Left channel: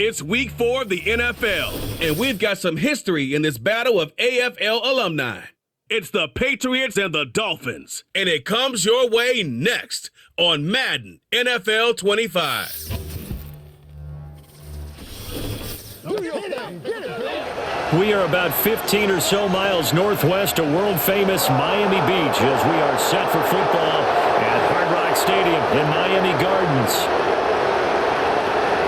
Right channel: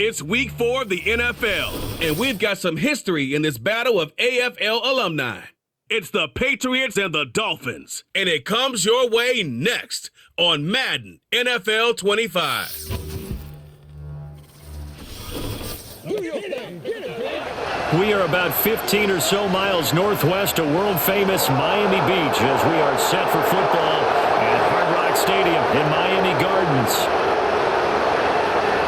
It's week 4 of the NFL, and we've got some history in this battle of AFL alumni. It's the Patriots and the Dolphins, and it comes your way next on Madden NFL 25. We are about 15 or so miles northwest of world-famous Miami Beach as we are set for football at Hard Rock Stadium in Miami Gardens.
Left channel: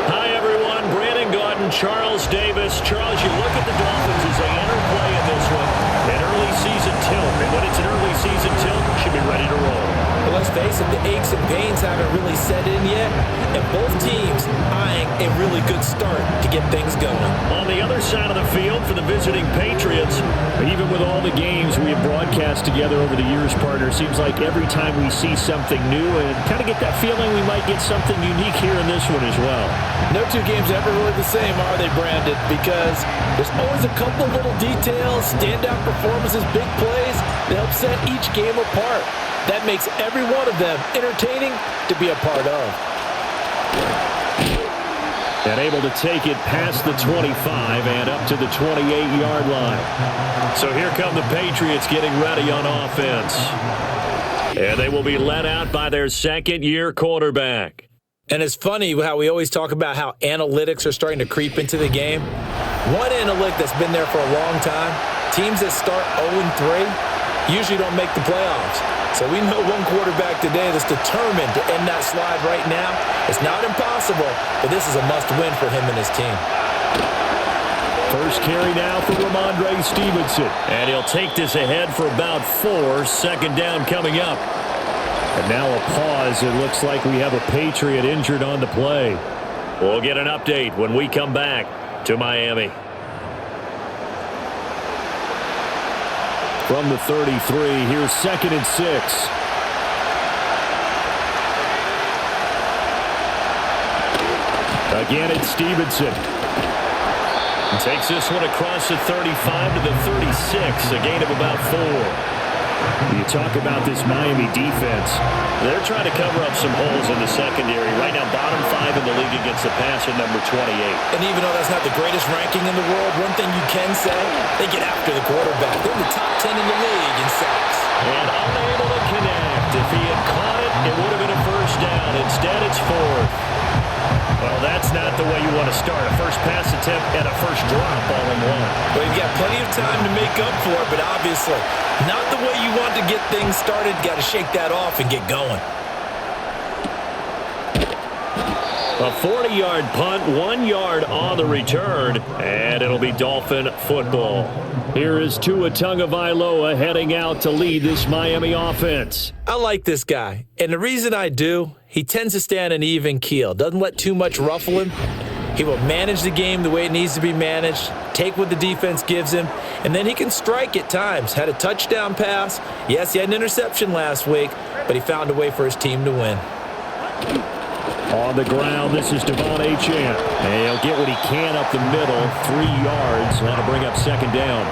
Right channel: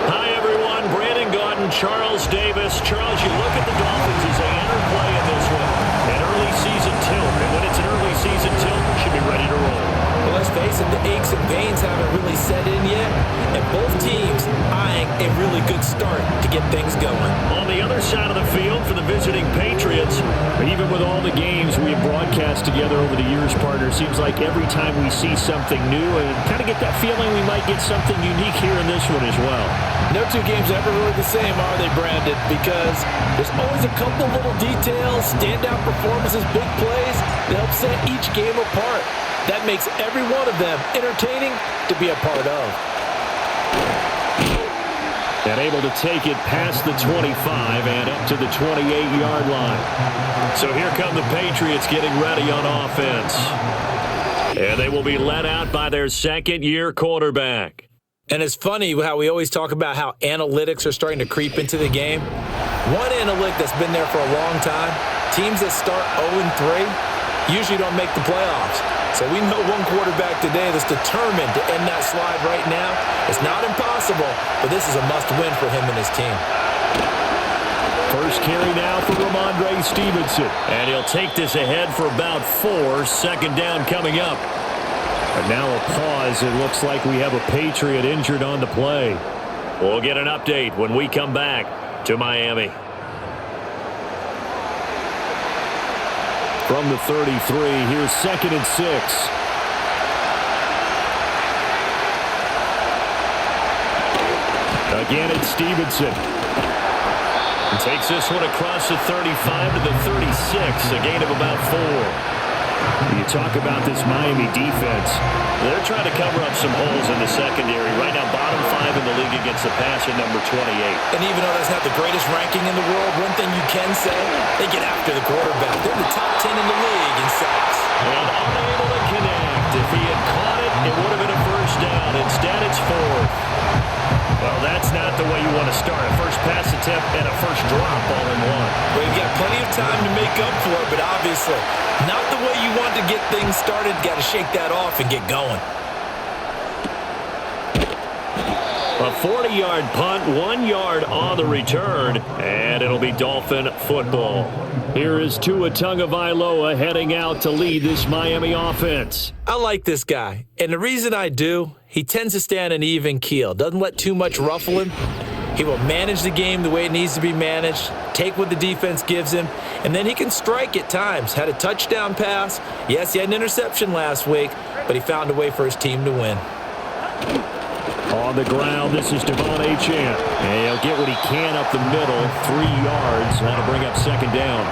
Hi, everyone. Brandon Gaudin, Charles Davis. Charles, you look at the Dolphins as they enter play in this one. An early season tilt. And when it's an early season tilt, should be ready to roll. Well, let's face it, the aches and pains haven't really set in yet. And both teams eyeing a really good start to get things going. On the other side of the field for the visiting Patriots, even with all the games we have broadcast together over the years, partner, seems like every time we see something new and kind of get that feeling we might get something unique here in this one as well. No two games are ever really the same, are they, Brandon? Because there's always a couple little details, standout performances, big plays that help set each game apart. That makes every one of them entertaining to be a part of. And able to take it past the 25 and up to the 28-yard line. So here come the Patriots getting ready on offense. And they will be led out by their second-year quarterback. And it's funny how we always talk about how analytics are starting to creep into the game. One analytic that's been there for a long time, teams that start 0-3 usually don't make the playoffs. So we know one quarterback today that's determined to end that slide right now. It's not impossible, but this is a must-win for him and his team. First carry now for Ramondre Stevenson. And he'll take this ahead for about 4. Second down coming up. And now a pause. It looks like we have a Patriot injured on the play. We'll get an update when we come back to Miami. From the 33, here's 2nd and 6. Again, it's Stevenson. He takes this one across the 35 to the 36, a gain of about 4. You talk about this Miami defense. They're trying to cover up some holes in the secondary. Right now, bottom 5 in the league against the pass at number 28. And even though that's not the greatest ranking in the world, one thing you can say, they get after the quarterback. They're the top 10 in the league in sacks. And unable to connect. If he had caught it, it would have been a first down. Instead, it's 4th. Well, that's not the way you want to start. A first pass attempt and a first drop all in one. Well, you've got plenty of time to make up for it, but obviously not the way you want to get things started. Got to shake that off and get going. A 40-yard punt, 1 yard on the return, and it'll be Dolphin football. Here is Tua Tagovailoa heading out to lead this Miami offense. I like this guy, and the reason I do, he tends to stay on an even keel. Doesn't let too much ruffle him. He will manage the game the way it needs to be managed, take what the defense gives him, and then he can strike at times. Had a touchdown pass. Yes, he had an interception last week, but he found a way for his team to win. On the ground, this is Devon Achane. And he'll get what he can up the middle, 3 yards. That'll bring up second down.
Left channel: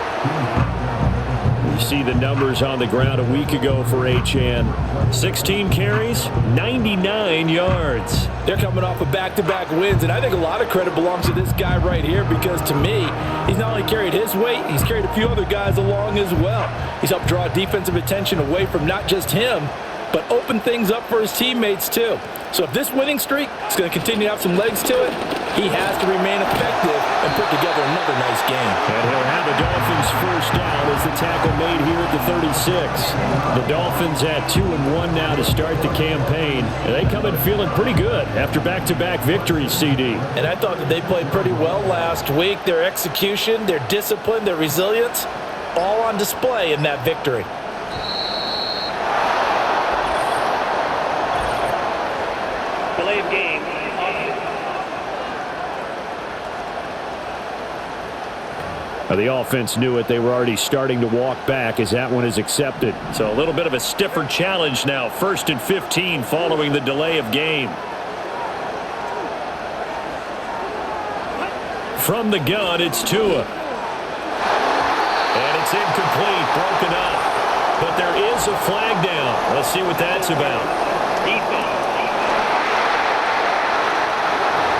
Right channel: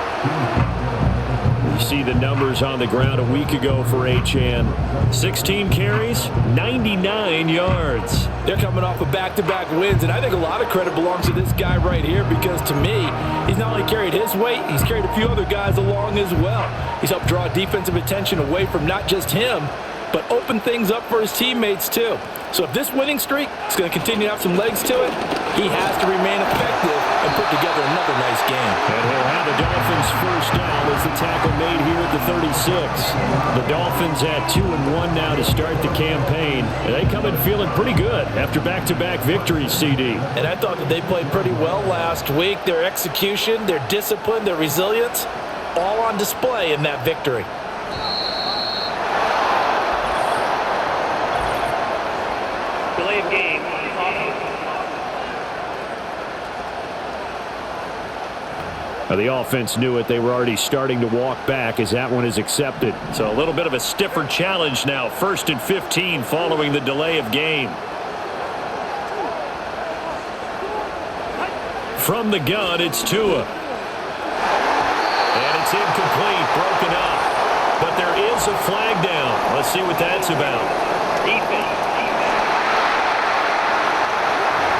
You see the numbers on the ground a week ago for Achane. 16 carries, 99 yards. They're coming off of back-to-back wins, and I think a lot of credit belongs to this guy right here because, to me, he's not only carried his weight, he's carried a few other guys along as well. He's helped draw defensive attention away from not just him, but open things up for his teammates, too. So if this winning streak is going to continue to have some legs to it, he has to remain effective and put together another nice game. And he'll have a Dolphins first down as the tackle made here at the 36. The Dolphins at 2-1 now to start the campaign. And they come in feeling pretty good after back-to-back victories, CD. And I thought that they played pretty well last week. Their execution, their discipline, their resilience, all on display in that victory. Delay of game. The offense knew it. They were already starting to walk back as that one is accepted. So a little bit of a stiffer challenge now. 1st and 15 following the delay of game. From the gun, it's Tua. And it's incomplete, broken up. But there is a flag down. Let's see what that's about. Defense.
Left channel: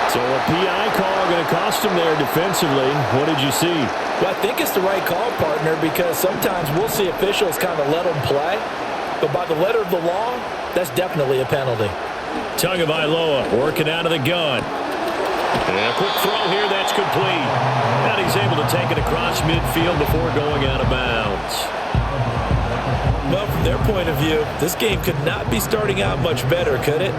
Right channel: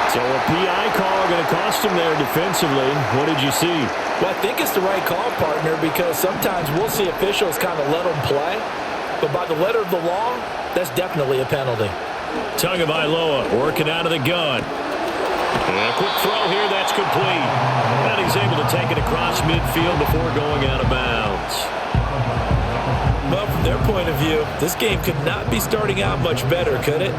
So a PI call going to cost him there defensively. What did you see? Well, I think it's the right call, partner, because sometimes we'll see officials kind of let them play. But by the letter of the law, that's definitely a penalty. Tagovailoa working out of the gun. And a quick throw here, that's complete. And he's able to take it across midfield before going out of bounds. Well, from their point of view, this game could not be starting out much better, could it?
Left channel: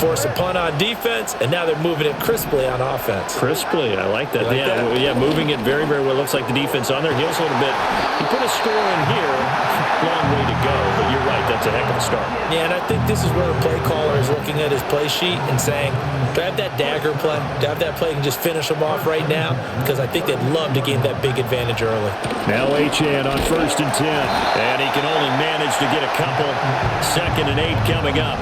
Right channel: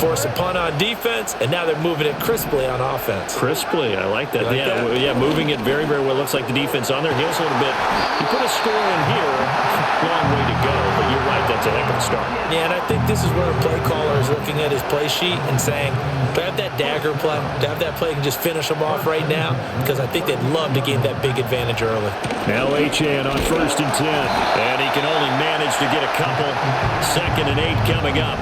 Force a punt on defense, and now they're moving it crisply on offense. Crisply, I like that. Yeah, moving it very, very well. Looks like the defense on their heels a little bit. You put a score in here, long way to go, but you're right, that's a heck of a start. Yeah, and I think this is where the play caller is looking at his play sheet and saying, do I have that dagger play? Do I have that play and just finish them off right now? Because I think they'd love to gain that big advantage early. Now Achane on 1st and 10, and he can only manage to get a couple. 2nd and 8 coming up.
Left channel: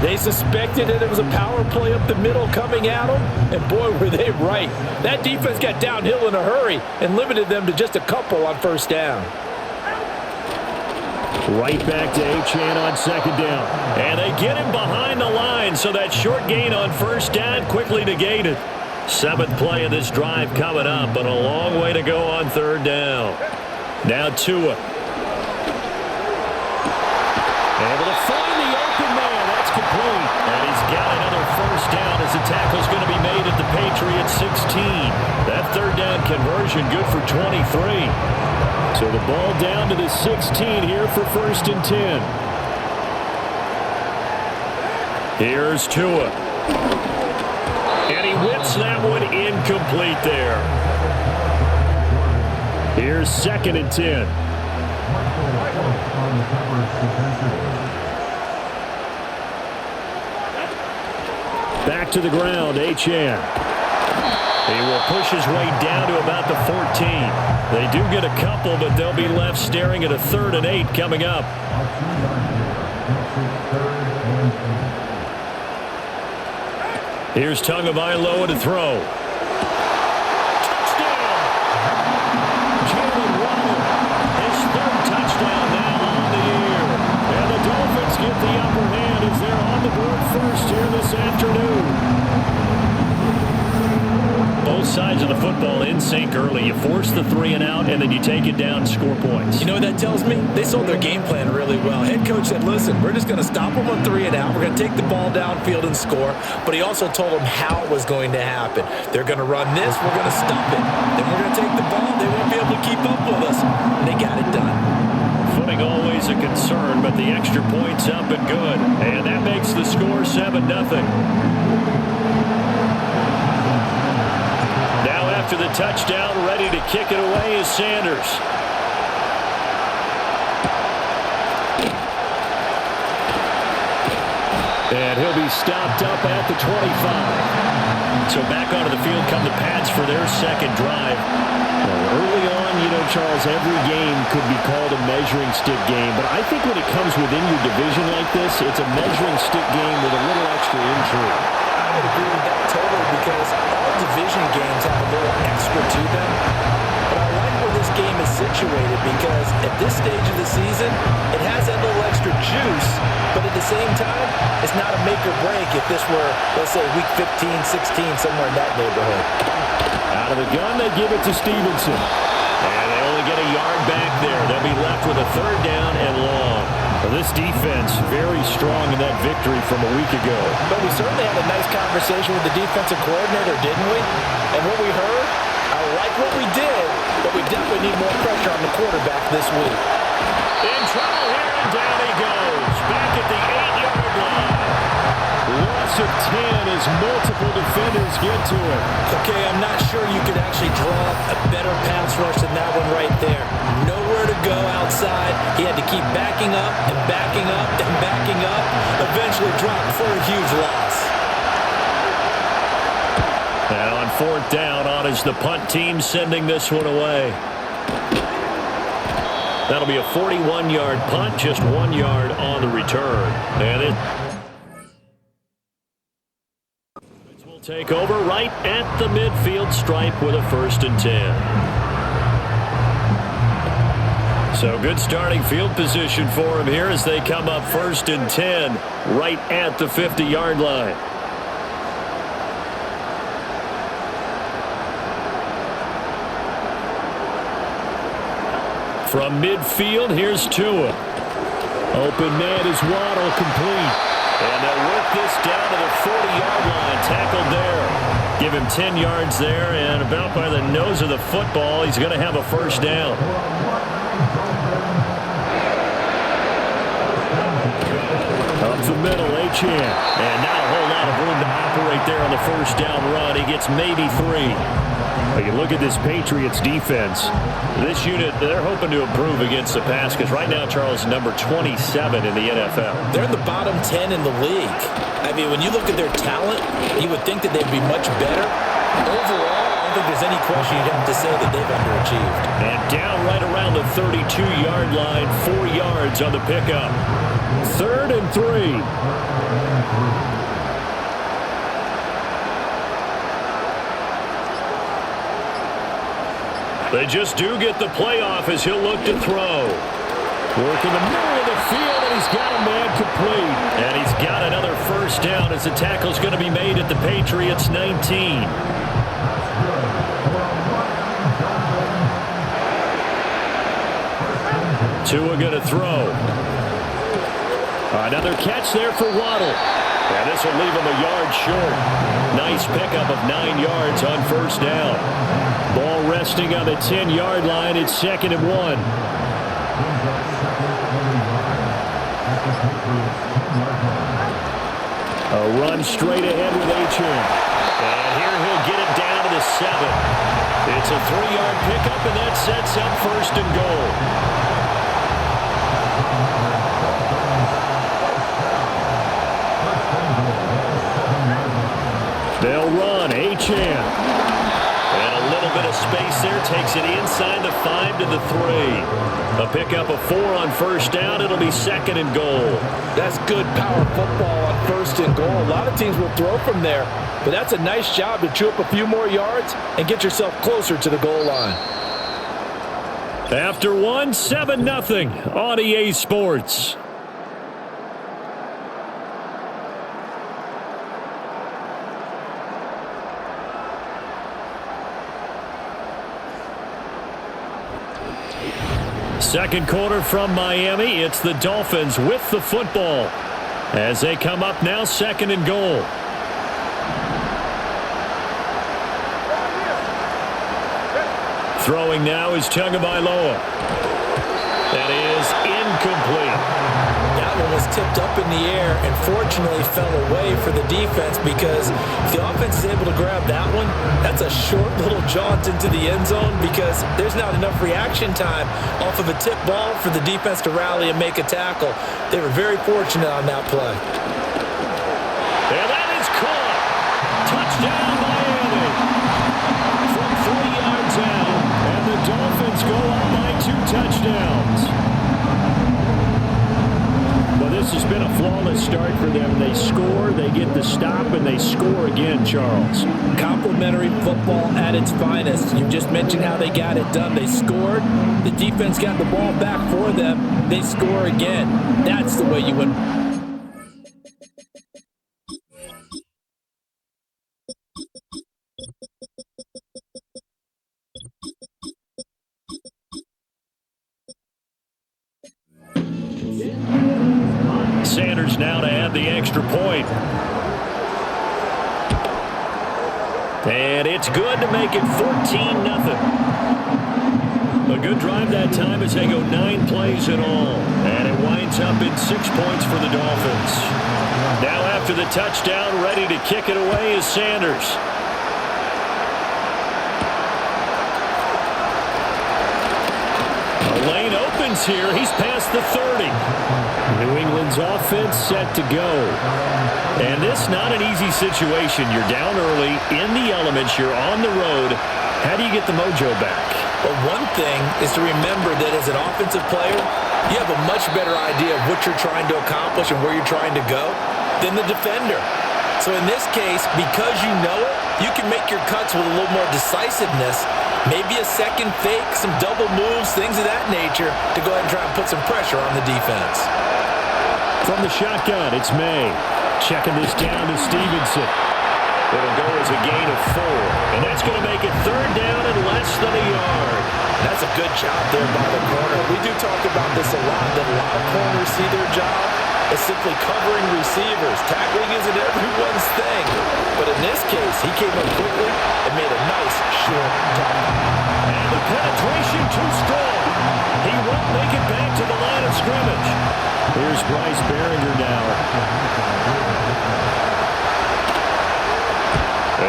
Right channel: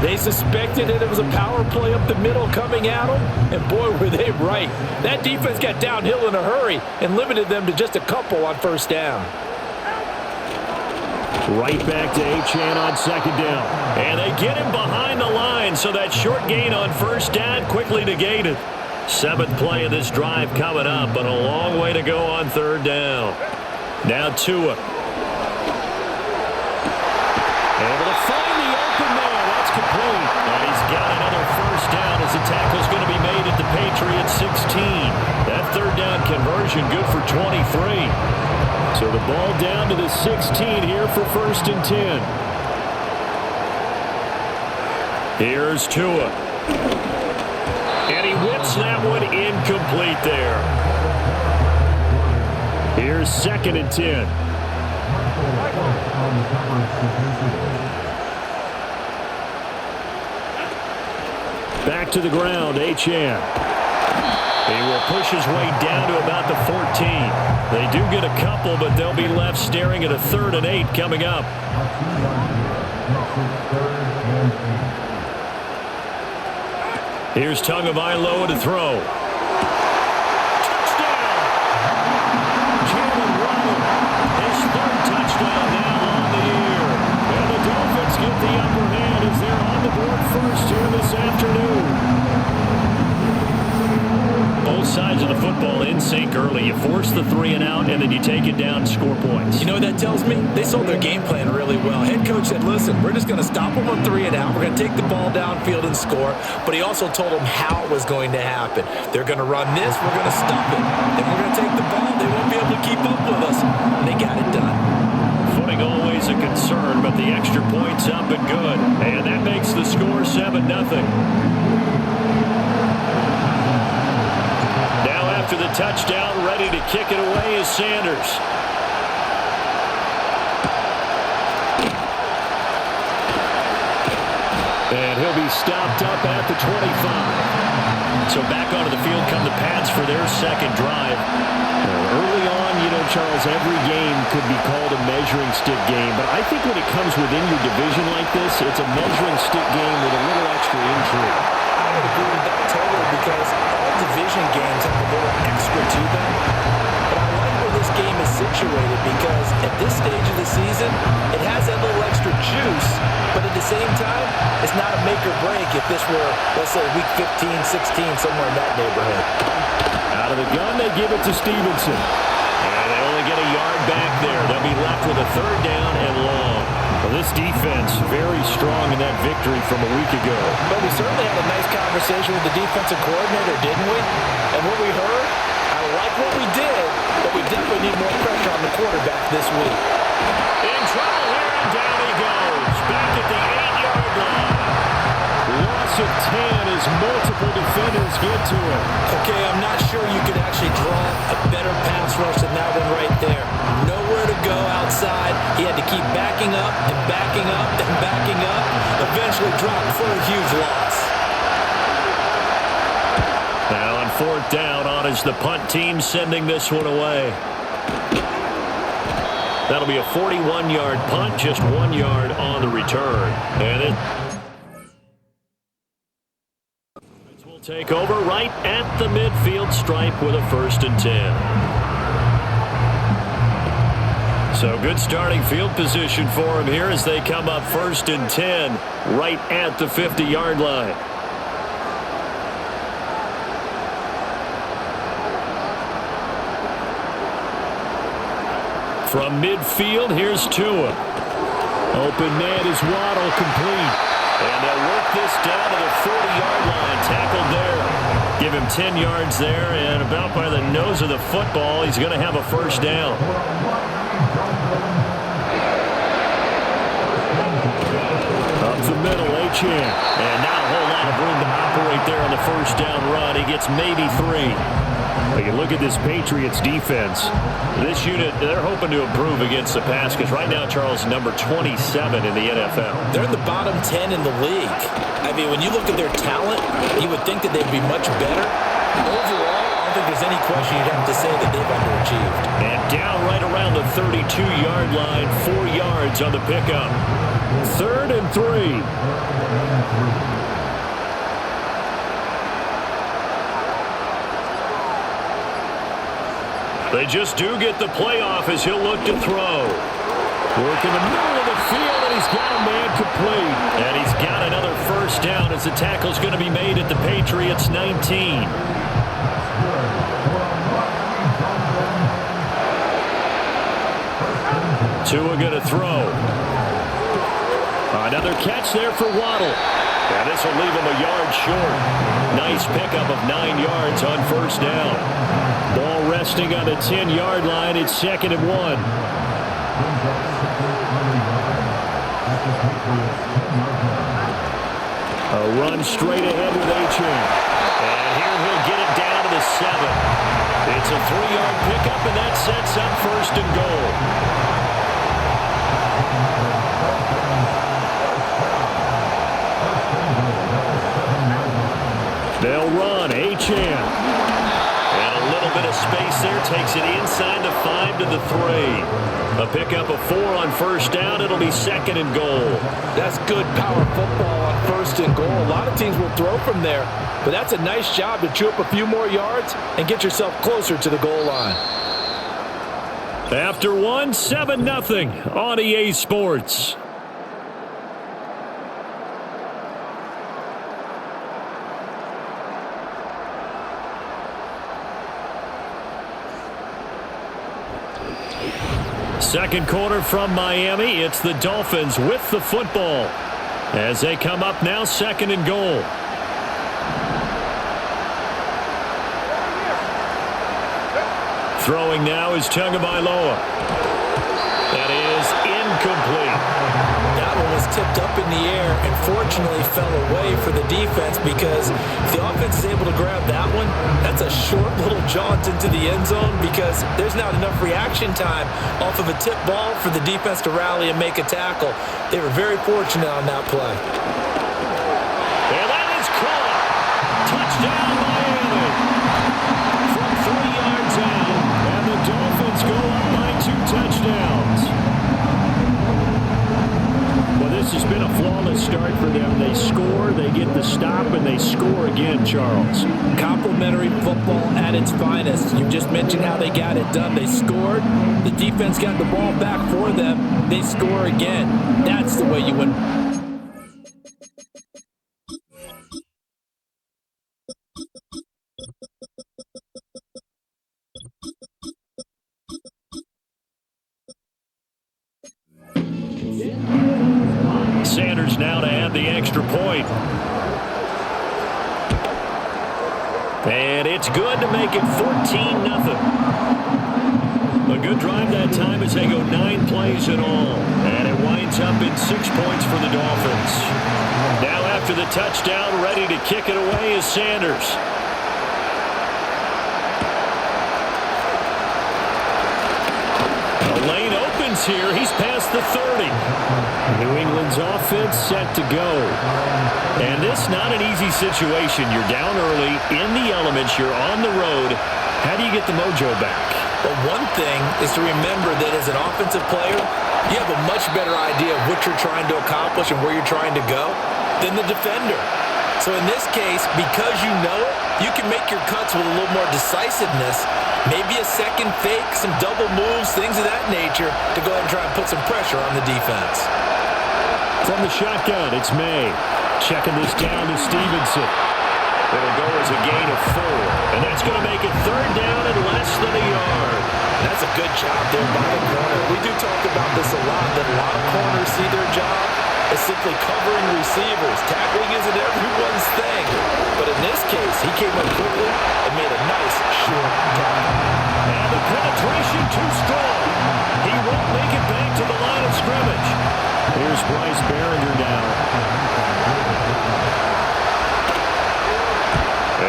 They suspected it was a power play up the middle coming at them, and boy, were they right. That defense got downhill in a hurry and limited them to just a couple on 1st down. Right back to Achane on 2nd down. And they get him behind the line, so that short gain on 1st down quickly negated. 7th play of this drive coming up, but a long way to go on 3rd down. Now Tua. Able to find the open man. That's complete. And he's got another 1st down as the tackle's going to be made at the Patriots 16. That 3rd down conversion good for 23. So the ball down to the 16 here for 1st and 10. Here's Tua. And he whips that one incomplete there. Here's 2nd and 10. Back to the ground, Achane. He will push his way down to about the 14. They do get a couple, but they'll be left staring at a 3rd and 8 coming up. Here's Tagovailoa to throw. Touchdown! Jalen Waddle, his 3rd touchdown now on the year. And the Dolphins get the upper hand as they're on the board first here this afternoon. Both sides of the football in sync early. You force the 3 and out, and then you take it down, score points. You know what that tells me? They sold their game plan really well. Head coach said, listen, we're just going to stop them on 3 and out. We're going to take the ball downfield and score. But he also told them how it was going to happen. They're going to run this. We're going to stop it. Then we're going to take the ball. They won't be able to keep up with us. And they got it done. Footing always a concern, but the extra point's up and good. And that makes the score 7-0. Now after the touchdown, ready to kick it away is Sanders. And he'll be stopped up at the 25. So back onto the field come the Pats for their 2nd drive. Early on, you know, Charles, every game could be called a measuring stick game. But I think when it comes within your division like this, it's a measuring stick game with a little extra intrigue. I would agree with that totally because all division games have a little extra to them. But I like where this game is situated because at this stage of the season, it has that little extra juice. But at the same time, it's not a make or break if this were, let's say, week 15, 16, somewhere in that neighborhood. Out of the gun, they give it to Stevenson. And they only get a yard back there. They'll be left with a 3rd down and long. Well, this defense very strong in that victory from a week ago. But we certainly had a nice conversation with the defensive coordinator, didn't we? And what we heard, I like what we did, but we definitely need more pressure on the quarterback this week. In trouble here, and down he goes. Back at the 8-yard line. Loss of 10 as multiple defenders get to him. Okay, I'm not sure you could actually draw a better pass rush than that one right there. Nowhere to go outside. He had to keep backing up and backing up and backing up. Eventually dropped for a huge loss. Now on 4th down, on is the punt team sending this one away. That'll be a 41-yard punt, just 1 yard on the return. And it will take over right at the midfield stripe with a 1st and 10. So good starting field position for them here as they come up 1st and 10 right at the 50-yard line. From midfield, here's Tua. Open man is Waddle, complete. And they'll work this down to the 40-yard line. Tackled there. Give him 10 yards there, and about by the nose of the football, he's going to have a first down. Up the middle, Achane. And not a whole lot of room to operate there on the first down run. He gets maybe 3. But you look at this Patriots defense. This unit, they're hoping to improve against the pass because right now, Charles, number 27 in the NFL. They're in the bottom 10 in the league. I mean, when you look at their talent, you would think that they'd be much better. Overall, I don't think there's any question you'd have to say that they've underachieved. And down right around the 32-yard line, 4 yards on the pickup. 3rd and 3. They just do get the playoff as he'll look to throw. Work in the middle of the field, and he's got a man complete. And he's got another first down as the tackle's going to be made at the Patriots 19. Tua going to throw. Another catch there for Waddle. And this will leave him a yard short. Nice pickup of 9 yards on first down. Ball resting on the 10-yard line. It's 2nd and 1. A run straight ahead with Achane. And here he'll get it down to the 7. It's a 3-yard pickup, and that sets up 1st and goal. They'll run. Achane. And a little bit of space there. Takes it inside the 5 to the 3. A pickup of 4 on first down. It'll be 2nd and goal. That's good power football on 1st and goal. A lot of teams will throw from there, but that's a nice job to chew up a few more yards and get yourself closer to the goal line. After 1, 7-0 on EA Sports. Second quarter from Miami. It's the Dolphins with the football as they come up now 2nd and goal. Throwing now is Tagovailoa. That is incomplete. That one was tipped up in the air and fortunately fell away for the defense, because if the offense is able to grab that one, that's a short little jaunt into the end zone, because there's not enough reaction time off of a tip ball for the defense to rally and make a tackle. They were very fortunate on that play. And that is caught. Touchdown, Miami. From 3 yards out. And the Dolphins go up by 2 touchdowns. Well, this has been a flawless start for them. They score, they get the stop, and they score again, Charles. Complimentary football at its finest. You just mentioned how they got it done. They scored. The defense got the ball back for them. They score again. That's the way you win. Sanders now to add the extra point. And it's good to make it 14-0. A good drive that time as they go 9 plays in all. And it winds up in 6 points for the Dolphins. Now after the touchdown, ready to kick it away is Sanders. The lane opens here. He's past the 30. New England's offense set to go. And this not an easy situation. You're down early, in the elements, you're on the road. How do you get the mojo back? Well, one thing is to remember that as an offensive player, you have a much better idea of what you're trying to accomplish and where you're trying to go than the defender. So in this case, because you know it, you can make your cuts with a little more decisiveness. Maybe a second fake, some double moves, things of that nature, to go ahead and try and put some pressure on the defense. From the shotgun, it's May. Checking this down to Stevenson. It'll go as a gain of 4. And that's going to make it third down and less than a yard. That's a good job there by the corner. We do talk about this a lot, that a lot of corners see their job as simply covering receivers. Tackling isn't everyone's thing. But in this case, he came up quickly and made a nice short tackle. And the penetration too strong. He won't make it back to the line of scrimmage. Here's Bryce Behringer now.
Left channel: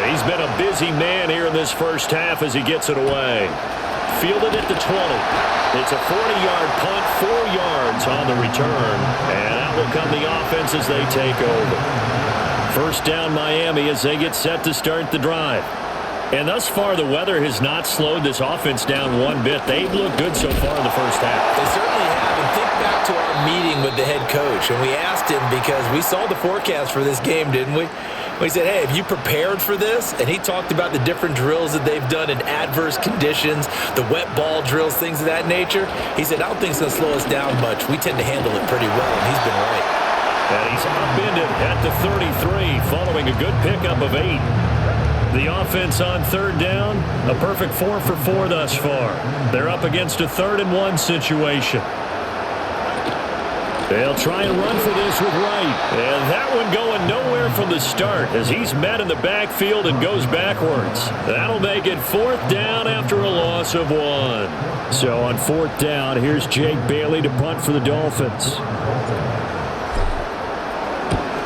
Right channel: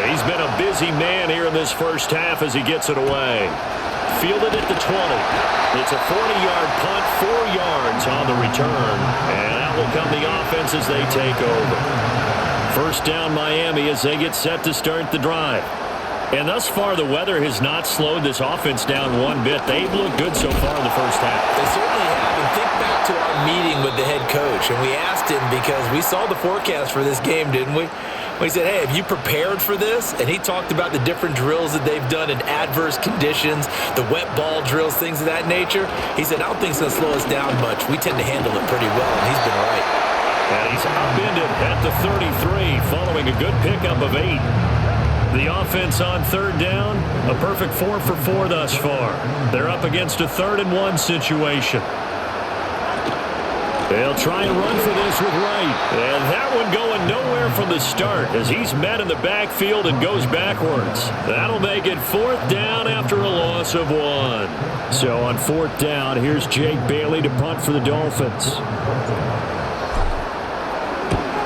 He's been a busy man here in this first half as he gets it away. Fielded at the 20. It's a 40-yard punt, 4 yards on the return. And out will come the offense as they take over. First down Miami as they get set to start the drive. And thus far, the weather has not slowed this offense down one bit. They've looked good so far in the first half. They certainly have. And think back to our meeting with the head coach. And we asked him because we saw the forecast for this game, didn't we? We said, hey, have you prepared for this? And he talked about the different drills that they've done in adverse conditions, the wet ball drills, things of that nature. He said, I don't think it's going to slow us down much. We tend to handle it pretty well, and he's been right. And he's upended at the 33 following a good pickup of 8. The offense on third down, a perfect 4 for 4 thus far. They're up against a 3rd and 1 situation. They'll try and run for this with Wright. And that one going nowhere from the start as he's met in the backfield and goes backwards. That'll make it 4th down after a loss of 1. So on 4th down, here's Jake Bailey to punt for the Dolphins.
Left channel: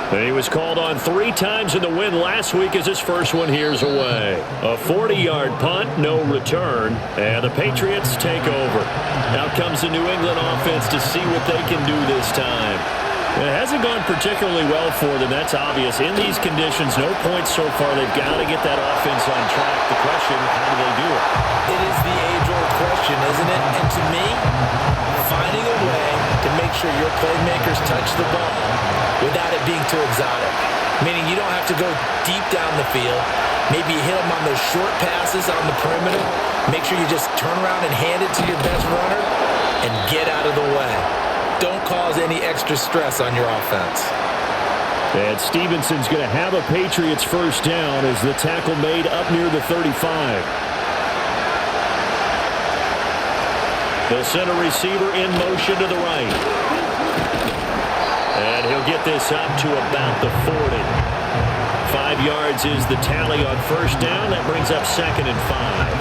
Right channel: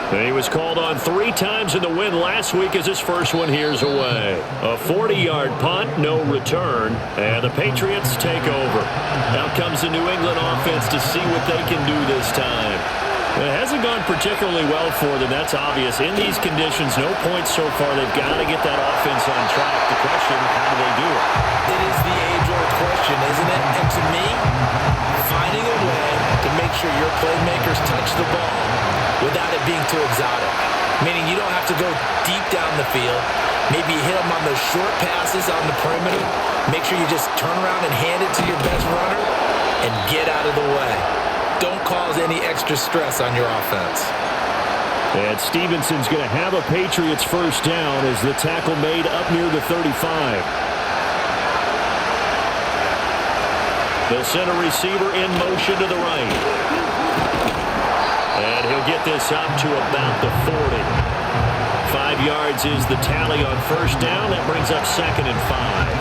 He was called on 3 times in the win last week as his first one here's away. A 40-yard punt, no return, and the Patriots take over. Now comes the New England offense to see what they can do this time. It hasn't gone particularly well for them, that's obvious. In these conditions, no points so far. They've got to get that offense on track. The question, how do they do it? It is the age-old question, isn't it? And to me, finding a way to make sure your playmakers touch the ball without it being too exotic. Meaning you don't have to go deep down the field. Maybe you hit them on those short passes on the perimeter. Make sure you just turn around and hand it to your best runner and get out of the way. Don't cause any extra stress on your offense. And Stevenson's going to have a Patriots first down as the tackle made up near the 35. They'll send a receiver in motion to the right. And he'll get this up to about the 40. 5 yards is the tally on first down. That brings up 2nd and 5.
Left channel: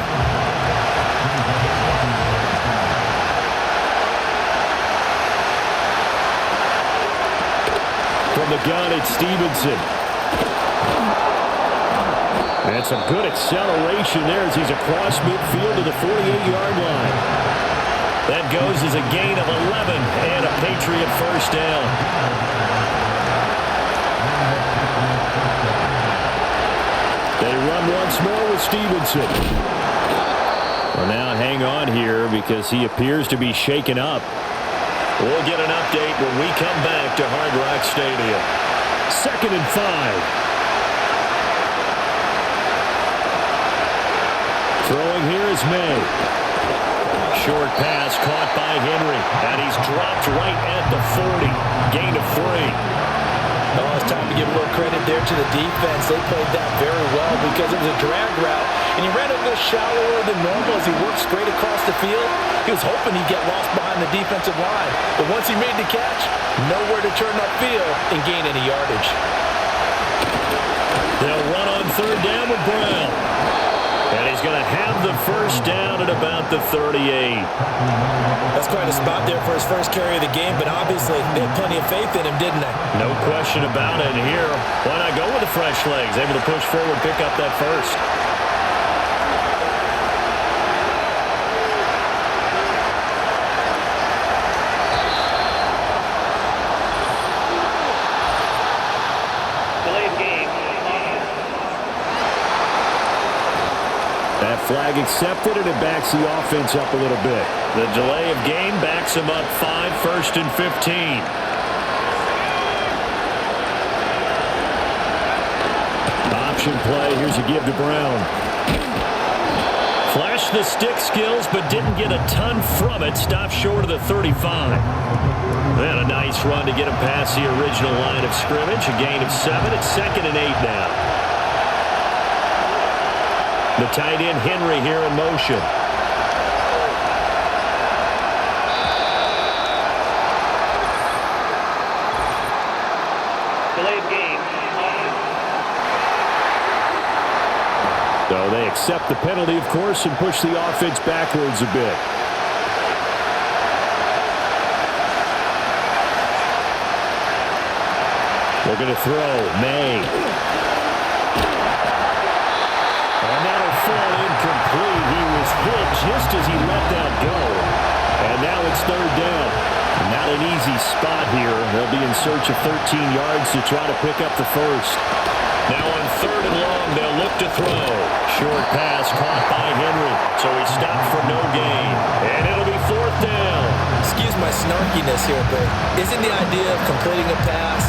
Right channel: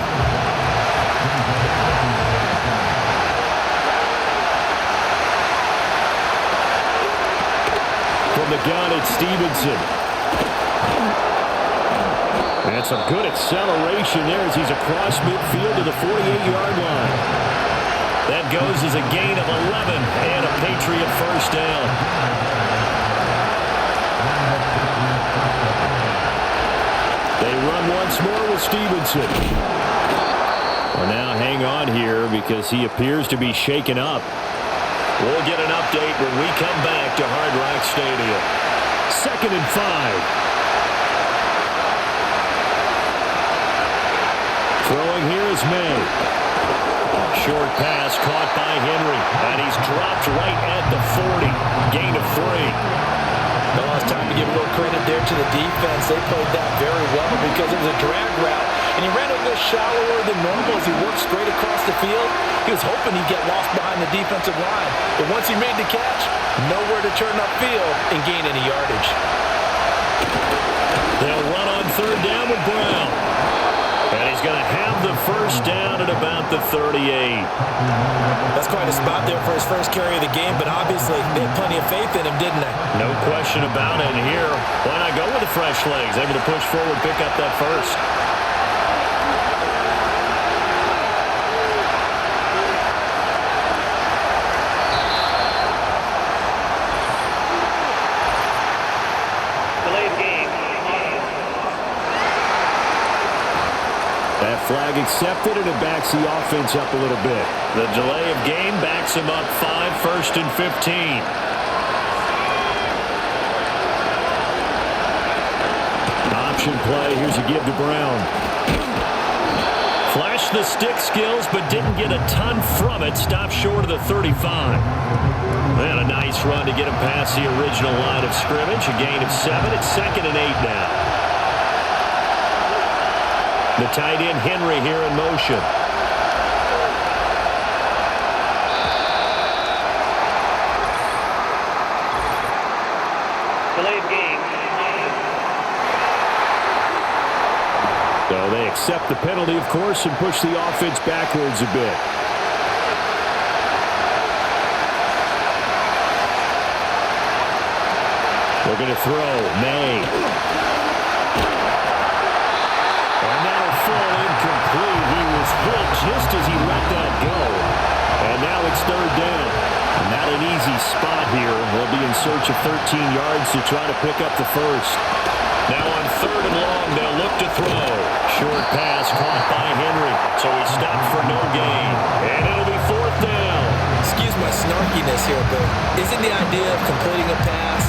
From the gun, it's Stevenson. And some good acceleration there as he's across midfield to the 48-yard line. That goes as a gain of 11 and a Patriot first down. They run once more with Stevenson. Well, now hang on here because he appears to be shaken up. We'll get an update when we come back to Hard Rock Stadium. 2nd and 5. Throwing here is May. Short pass caught by Henry, and he's dropped right at the 40. Gain of 3. Oh, it's time to give a little credit there to the defense. They played that very well because it was a drag route, and he ran a little shallower than normal as he worked straight across the field. He was hoping he'd get lost behind the defensive line, but once he made the catch, nowhere to turn upfield and gain any yardage. They'll run on third down with Brown. And he's going to have the first down at about the 38. That's quite a spot there for his first carry of the game, but obviously they had plenty of faith in him, didn't they? No question about it. And here, why not go with the fresh legs? Able to push forward, pick up that first. Delay of game. That flag accepted, and it backs the offense up a little bit. The delay of game backs him up 5, 1st and 15. Option play. Here's a give to Brown. Flashed the stick skills, but didn't get a ton from it. Stopped short of the 35. And a nice run to get him past the original line of scrimmage. A gain of 7. It's 2nd and 8 now. The tight end Henry here in motion. Delay of game. So they accept the penalty, of course, and push the offense backwards a bit. Looking to throw. May. And that'll fall incomplete. He was hit just as he let that go. And now it's third down. Not an easy spot here. They'll be in search of 13 yards to try to pick up the first. Now on third and long, they'll look to throw. Short pass caught by Henry. So he stopped for no gain. And it'll be fourth down. Excuse my snarkiness here, but isn't the idea of completing a pass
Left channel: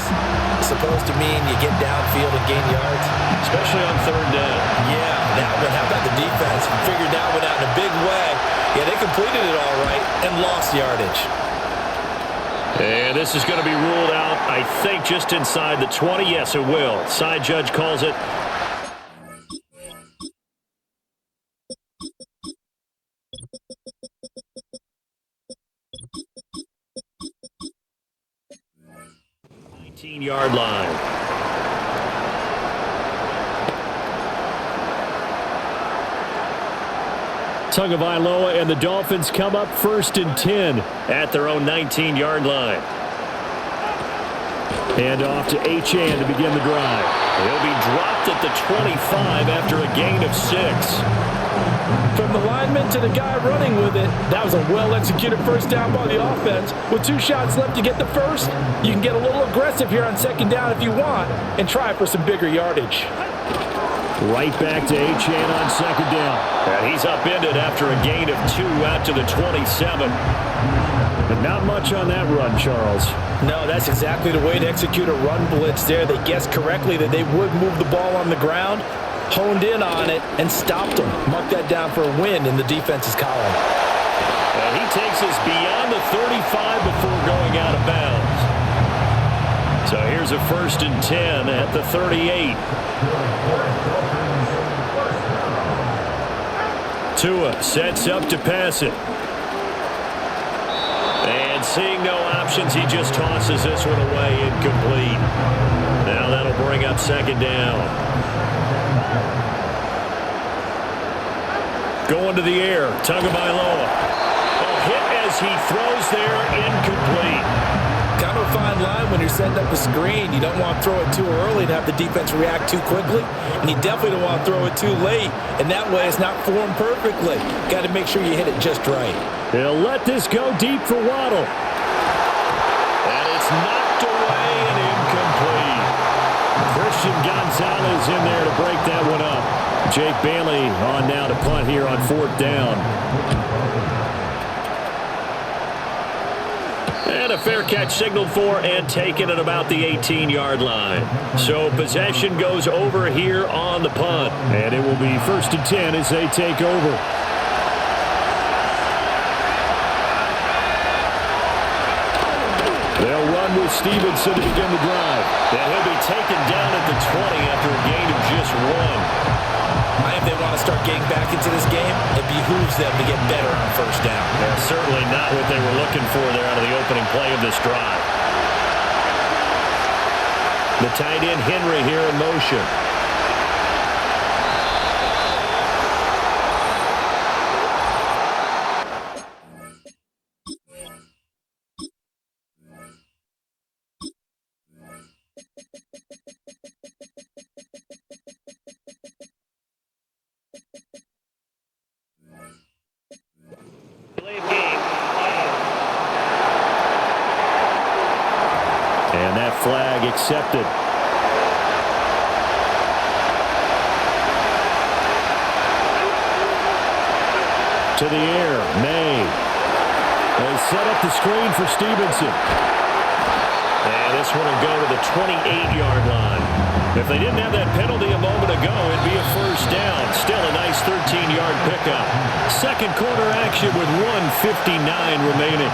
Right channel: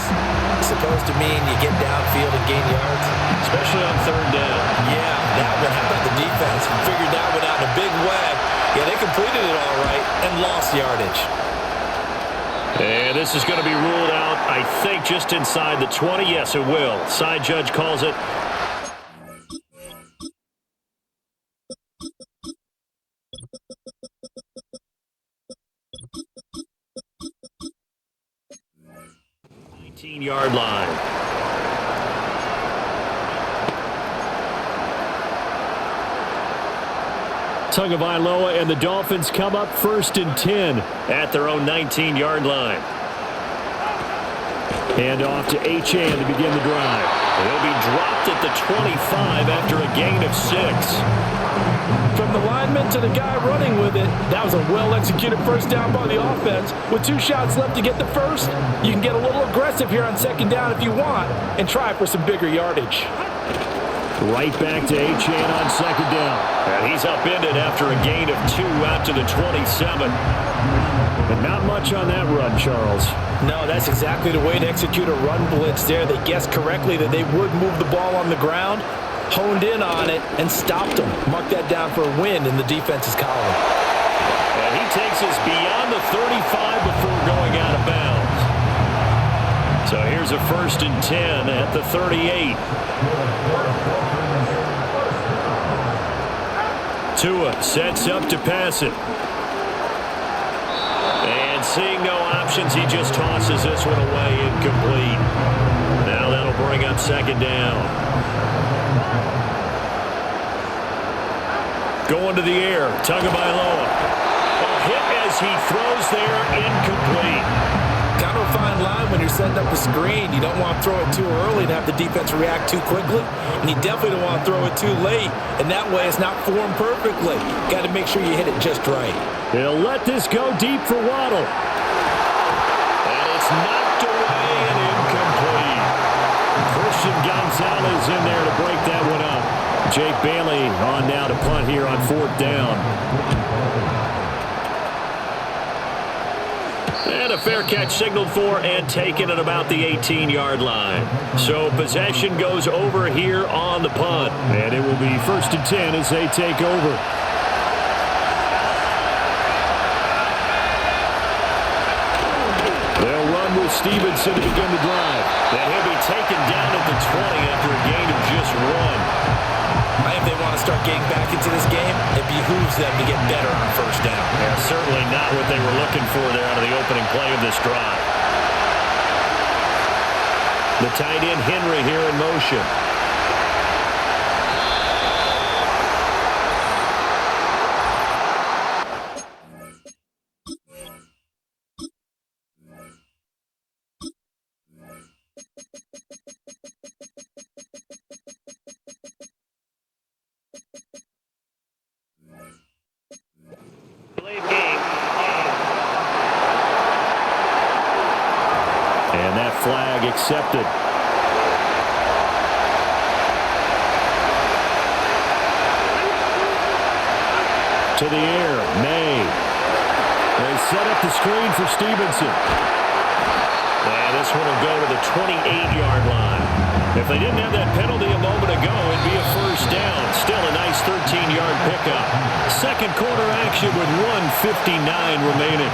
supposed to mean you get downfield and gain yards? Especially on third down. Yeah, that one. How about the defense? Figured that one out in a big way. Yeah, they completed it all right and lost yardage. And this is going to be ruled out, I think, just inside the 20. Yes, it will. Side judge calls it. Yard line. Tagovailoa and the Dolphins come up first and 10 at their own 19-yard line. And off to Achane to begin the drive. He'll be dropped at the 25 after a gain of 6. From the lineman to the guy running with it, that was a well-executed first down by the offense. With 2 shots left to get the first, you can get a little aggressive here on second down if you want and try for some bigger yardage. Right back to Achane on second down. And he's upended after a gain of 2 out to the 27. But not much on that run, Charles. No, that's exactly the way to execute a run blitz there. They guessed correctly that they would move the ball on the ground, honed in on it, and stopped them. Mark that down for a win in the defense's column. And he takes us beyond the 35 before going out of bounds. So here's a first and 10 at the 38. Tua sets up to pass it. And seeing no options, he just tosses this one away, incomplete. Now that'll bring up second down. Going to the air, Tagovailoa. Oh, hit as he throws there, incomplete. Kind of a fine line when you're setting up a screen. You don't want to throw it too early and have the defense react too quickly. And you definitely don't want to throw it too late. And that way it's not formed perfectly. Got to make sure you hit it just right. He'll let this go deep for Waddle. And it's knocked away and incomplete. Christian Gonzalez in there to break that one up. Jake Bailey on now to punt here on fourth down. And a fair catch signaled for and taken at about the 18-yard line. So possession goes over here on the punt. And it will be first and 10 as they take over. They'll run with Stevenson to begin the drive. And he'll be taken down at the 20 after a gain of just 1. If they want to start getting back into this game, it behooves them to get better on first down. Yeah, certainly not what they were looking for there out of the opening play of this drive. The tight end Henry here in motion. And that flag accepted. To the air, May. They set up the screen for Stevenson. And this one will go to the 28-yard line. If they didn't have that penalty a moment ago, it'd be a first down. Still a nice 13-yard pickup. Second quarter action with 1:59 remaining.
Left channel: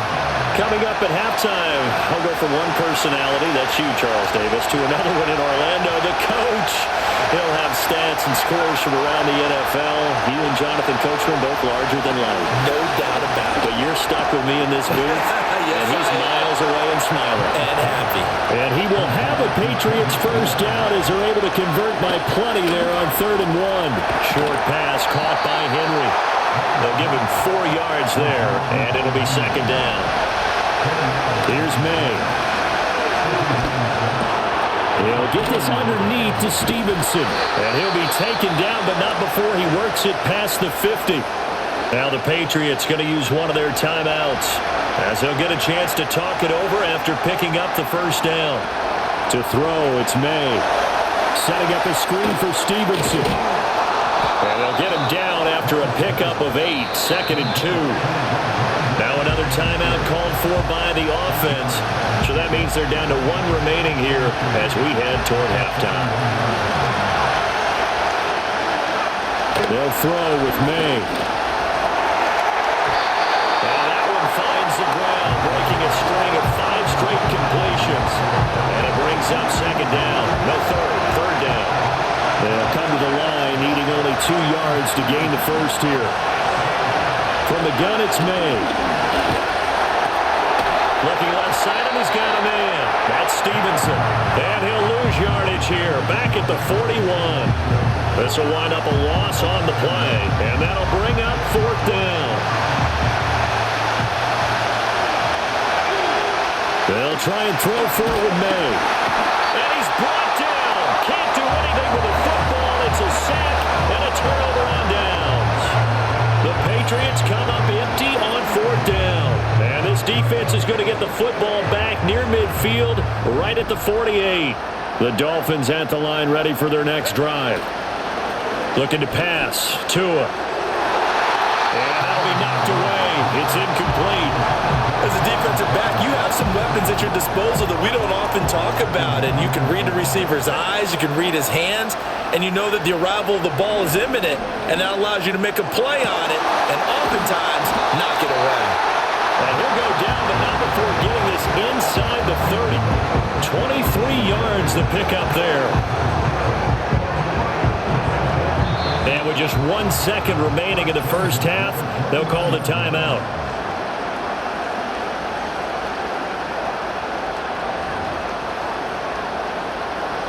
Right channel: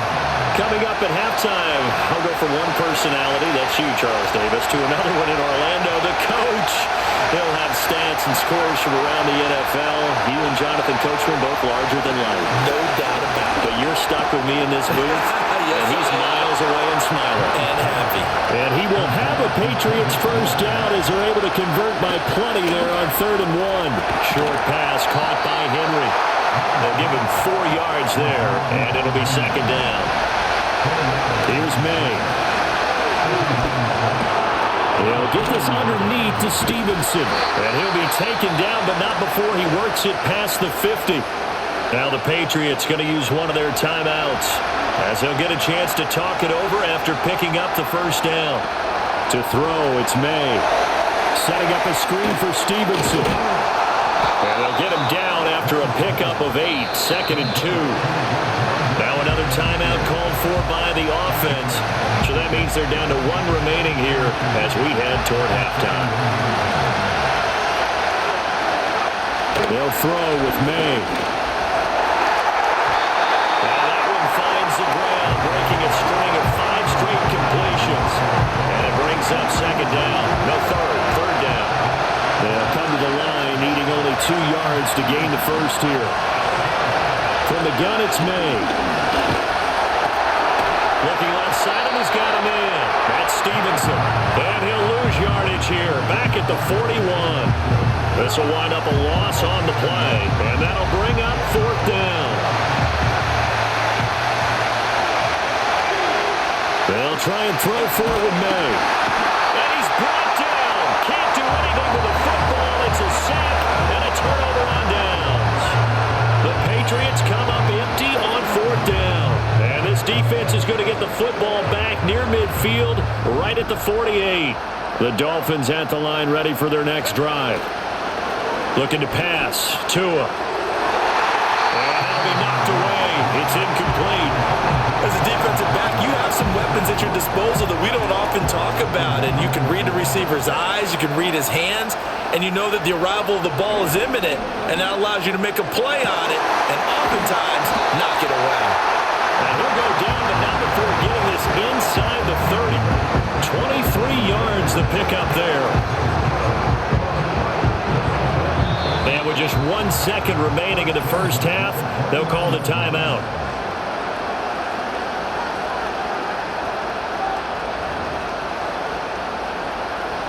Coming up at halftime, I'll go from one personality, that's you, Charles Davis, to another one in Orlando, the coach. He'll have stats and scores from around the NFL. You and Jonathan Coachman both larger than life. No doubt about it. But you're stuck with me in this booth, yes, and he's miles away and smiling. And happy. And he will have a Patriots first down as they're able to convert by plenty there on 3rd and 1. Short pass caught by Henry. They'll give him 4 yards there, and it'll be 2nd down. Here's May. He'll get this underneath to Stevenson. And he'll be taken down, but not before he works it past the 50. Now the Patriots going to use one of their timeouts, as they'll get a chance to talk it over after picking up the first down. To throw, it's May. Setting up a screen for Stevenson. And they'll get him down after a pickup of 8, 2nd and 2. Now another timeout called for by the offense. So that means they're down to 1 remaining here as we head toward halftime. They'll throw with May. And that one finds the ground, breaking a string of 5 straight completions. And it brings up 2nd down. No, 3rd down. They'll come to the line, needing only 2 yards to gain the first here. From the gun, it's May. Looking left side, and he's got a man. That's Stevenson. And he'll lose yardage here, back at the 41. This will wind up a loss on the play, and that'll bring up 4th down. They'll try and throw for it with May. And he's brought down. Can't do anything with the football. It's a sack and a turnover on downs. The Patriots come up empty on 4th down. And this defense is going to get the football back near midfield, right at the 48. The Dolphins at the line, ready for their next drive. Looking to pass. Tua. And that'll be knocked away. It's incomplete. As a defensive back, you have some weapons at your disposal that we don't often talk about. And you can read the receiver's eyes, you can read his hands, and you know that the arrival of the ball is imminent. And that allows you to make a play on it and oftentimes knock it away. And he'll go down, but not before getting this inside the 30. 23 yards the pickup there. And with just 1 second remaining in the first half, they'll call the timeout.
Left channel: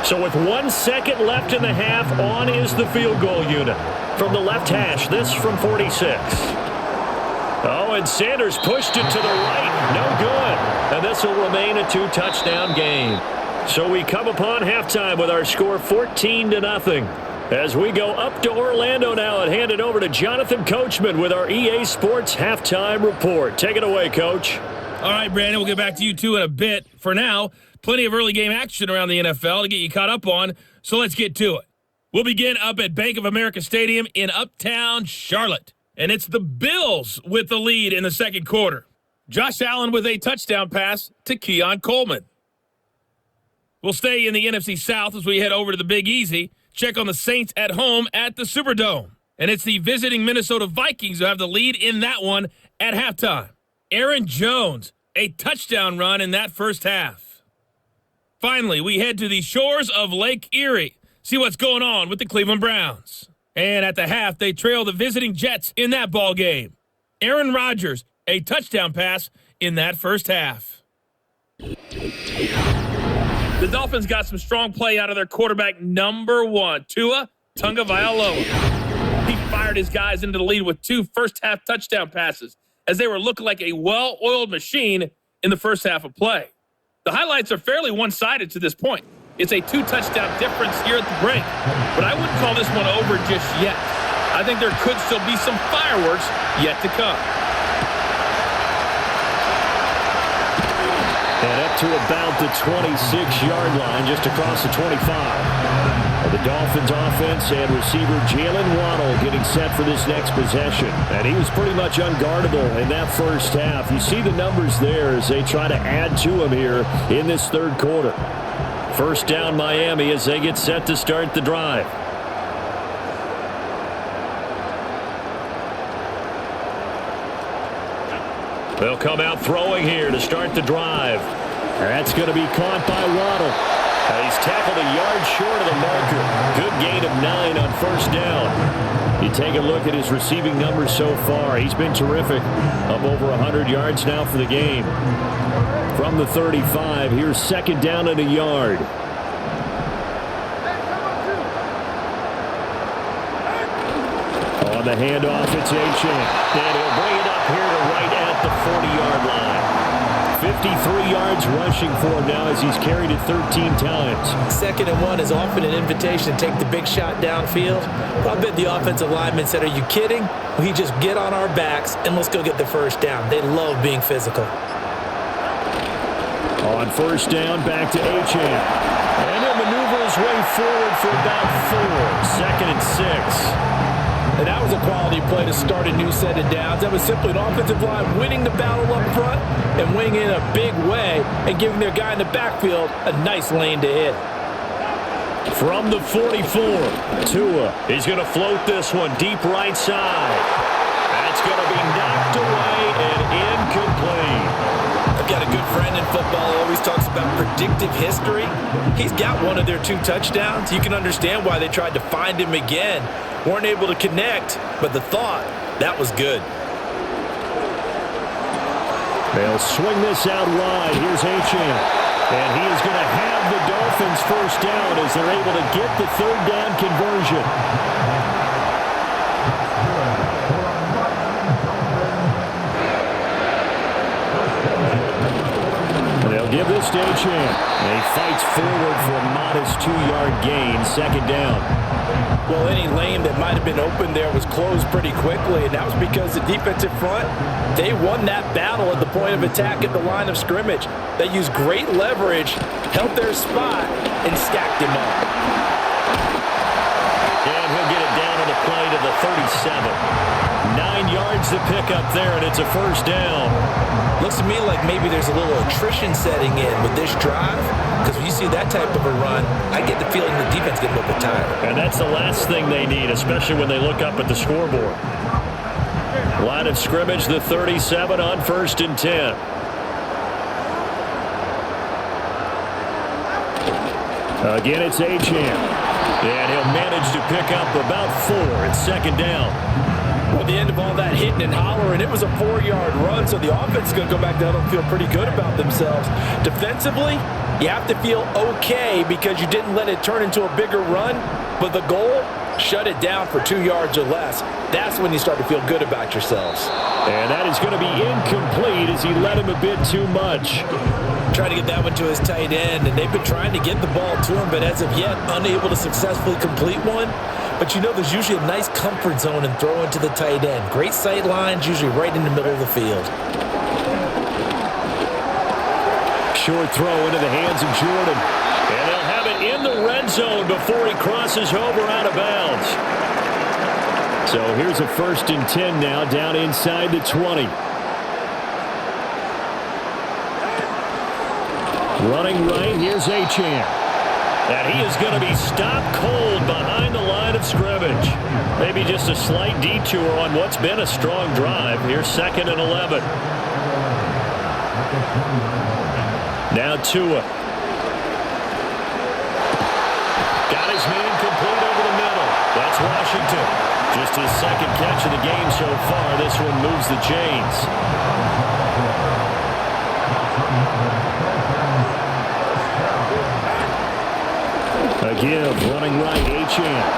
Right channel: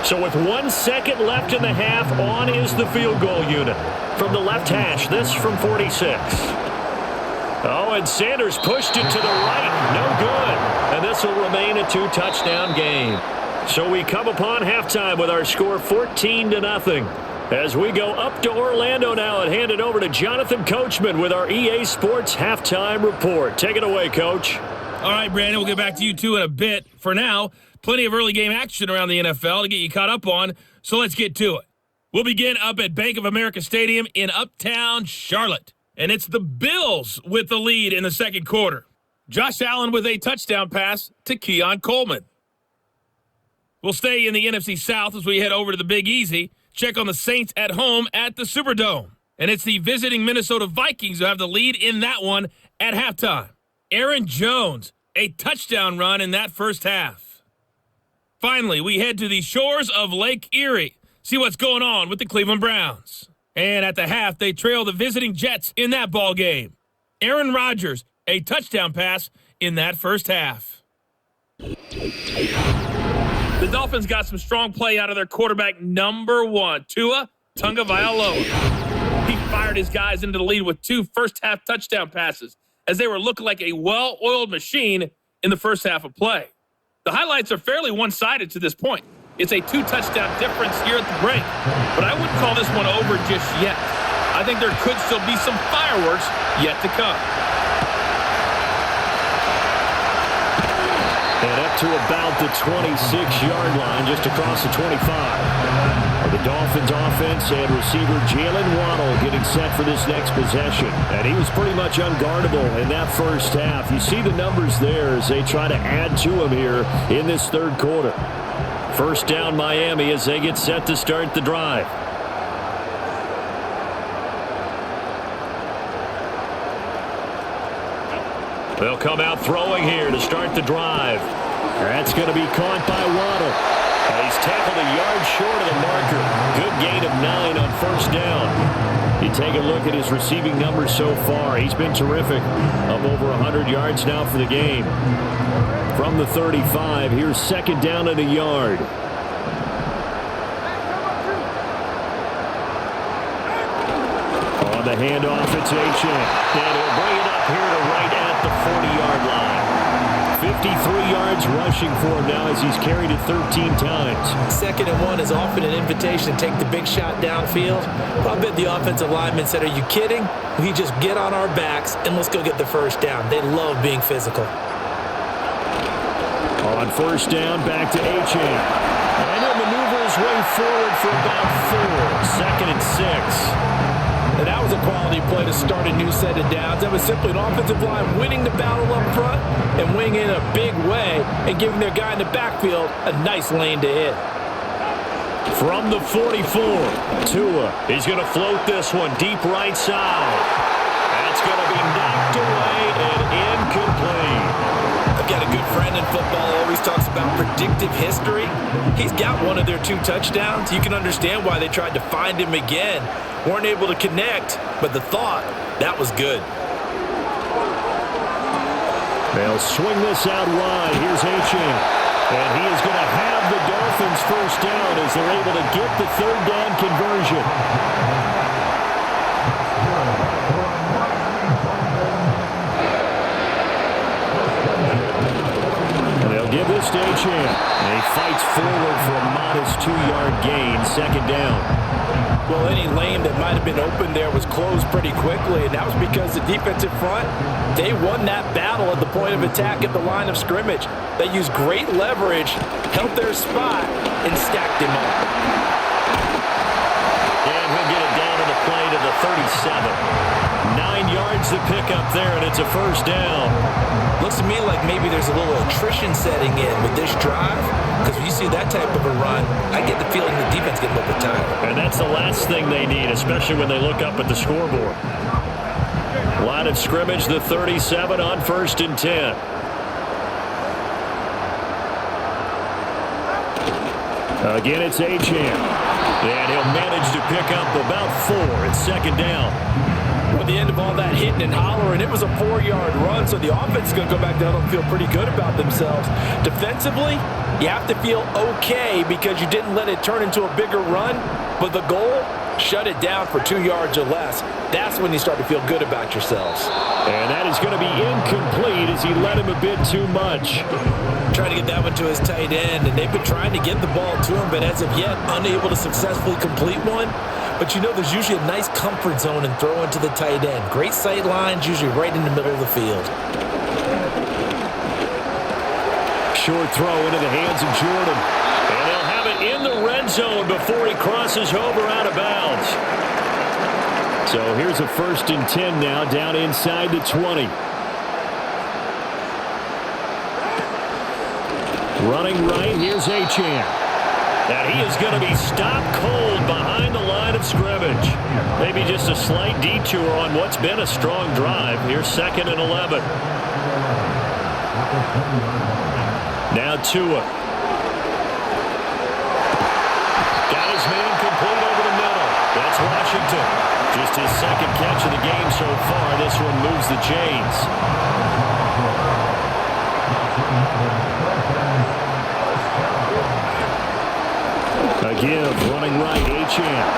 So with 1 second left in the half, on is the field goal unit. From the left hash, this from 46. Oh, and Sanders pushed it to the right. No good. And this will remain a 2-touchdown game. So we come upon halftime with our score 14-0. As we go up to Orlando now and hand it over to Jonathan Coachman with our EA Sports Halftime Report. Take it away, Coach. All right, Brandon, we'll get back to you two in a bit. For now, plenty of early game action around the NFL to get you caught up on, so let's get to it. We'll begin up at Bank of America Stadium in Uptown Charlotte. And it's the Bills with the lead in the second quarter. Josh Allen with a touchdown pass to Keon Coleman. We'll stay in the NFC South as we head over to the Big Easy. Check on the Saints at home at the Superdome. And it's the visiting Minnesota Vikings who have the lead in that one at halftime. Aaron Jones, a touchdown run in that first half. Finally, we head to the shores of Lake Erie. See what's going on with the Cleveland Browns. And at the half, they trail the visiting Jets in that ball game. Aaron Rodgers, a touchdown pass in that first half. The Dolphins got some strong play out of their quarterback number 1, Tua Tagovailoa. He fired his guys into the lead with 2 first-half touchdown passes as they were looking like a well-oiled machine in the first half of play. The highlights are fairly one-sided to this point. It's a 2-touchdown difference here at the break, but I wouldn't call this one over just yet. I think there could still be some fireworks yet to come. And up to about the 26-yard line, just across the 25. Well, the Dolphins offense and receiver Jalen Waddle getting set for this next possession. And he was pretty much unguardable in that first half. You see the numbers there as they try to add to him here in this third quarter. First down Miami as they get set to start the drive. They'll come out throwing here to start the drive. That's going to be caught by Waddle. He's tackled a yard short of the marker. Good gain of 9 on first down. You take a look at his receiving numbers so far. He's been terrific. Up over 100 yards now for the game. From the 35, here's second down and a yard. On the handoff, it's Achane. And he'll bring it up here to right at the 40-yard line. 53 yards rushing for him now as he's carried it 13 times. 2nd and 1 is often an invitation to take the big shot downfield. But I bet the offensive lineman said, are you kidding? We just get on our backs and let's go get the first down. They love being physical. On first down, back to Achane. And he'll maneuver his way forward for about 4. 2nd and 6. And that was a quality play to start a new set of downs. That was simply an offensive line winning the battle up front and winning in a big way and giving their guy in the backfield a nice lane to hit. From the 44, Tua. He's going to float this one deep right side. That's going to be knocked away and incomplete. I've got a good friend in football, always talks about predictive history. He's got one of their 2 touchdowns. You can understand why they tried to find him again. Weren't able to connect, but the thought, that was good. They'll swing this out wide. Here's Achane. And he is going to have the Dolphins first down as they're able to get the 3rd down conversion. They'll give this to Achane. And he fights forward for a modest 2-yard gain, 2nd down. Well, any lane that might have been open there was closed pretty quickly, and that was because the defensive front, they won that battle at the point of attack at the line of scrimmage. They used great leverage, held their spot, and stacked him up. And he'll get it down on the play to the 37. 9 yards to pick up there, and it's a first down. Looks to me like maybe there's a little attrition setting in with this drive, because when you see that type of a run, I get the feeling the defense gets a little bit tired. And that's the last thing they need, especially when they look up at the scoreboard. Line of scrimmage, the 37 on 1st and 10. Again, it's Achane. And he'll manage to pick up about 4. It's 2nd down. Well, at the end of all that hitting and hollering, it was a 4-yard run, so the offense is going to go back down and feel pretty good about themselves. Defensively, you have to feel okay because you didn't let it turn into a bigger run, but the goal, shut it down for 2 yards or less. That's when you start to feel good about yourselves. And that is going to be incomplete as he led him a bit too much. Trying to get that one to his tight end, and they've been trying to get the ball to him, but as of yet, unable to successfully complete one. But you know there's usually a nice comfort zone in throwing to the tight end. Great sight lines, usually right in the middle of the field. Short throw into the hands of Jordan. And they'll have it in the red zone before he crosses over out of bounds. So here's a 1st and 10 now down inside the 20. Running right, here's Achane. And he is going to be stopped cold behind the line of scrimmage. Maybe just a slight detour on what's been a strong drive. Here's 2nd and 11. Now Tua. Got his man complete over the middle. That's Washington. Just his 2nd catch of the game so far. This one moves the chains. A give, running right, Achane.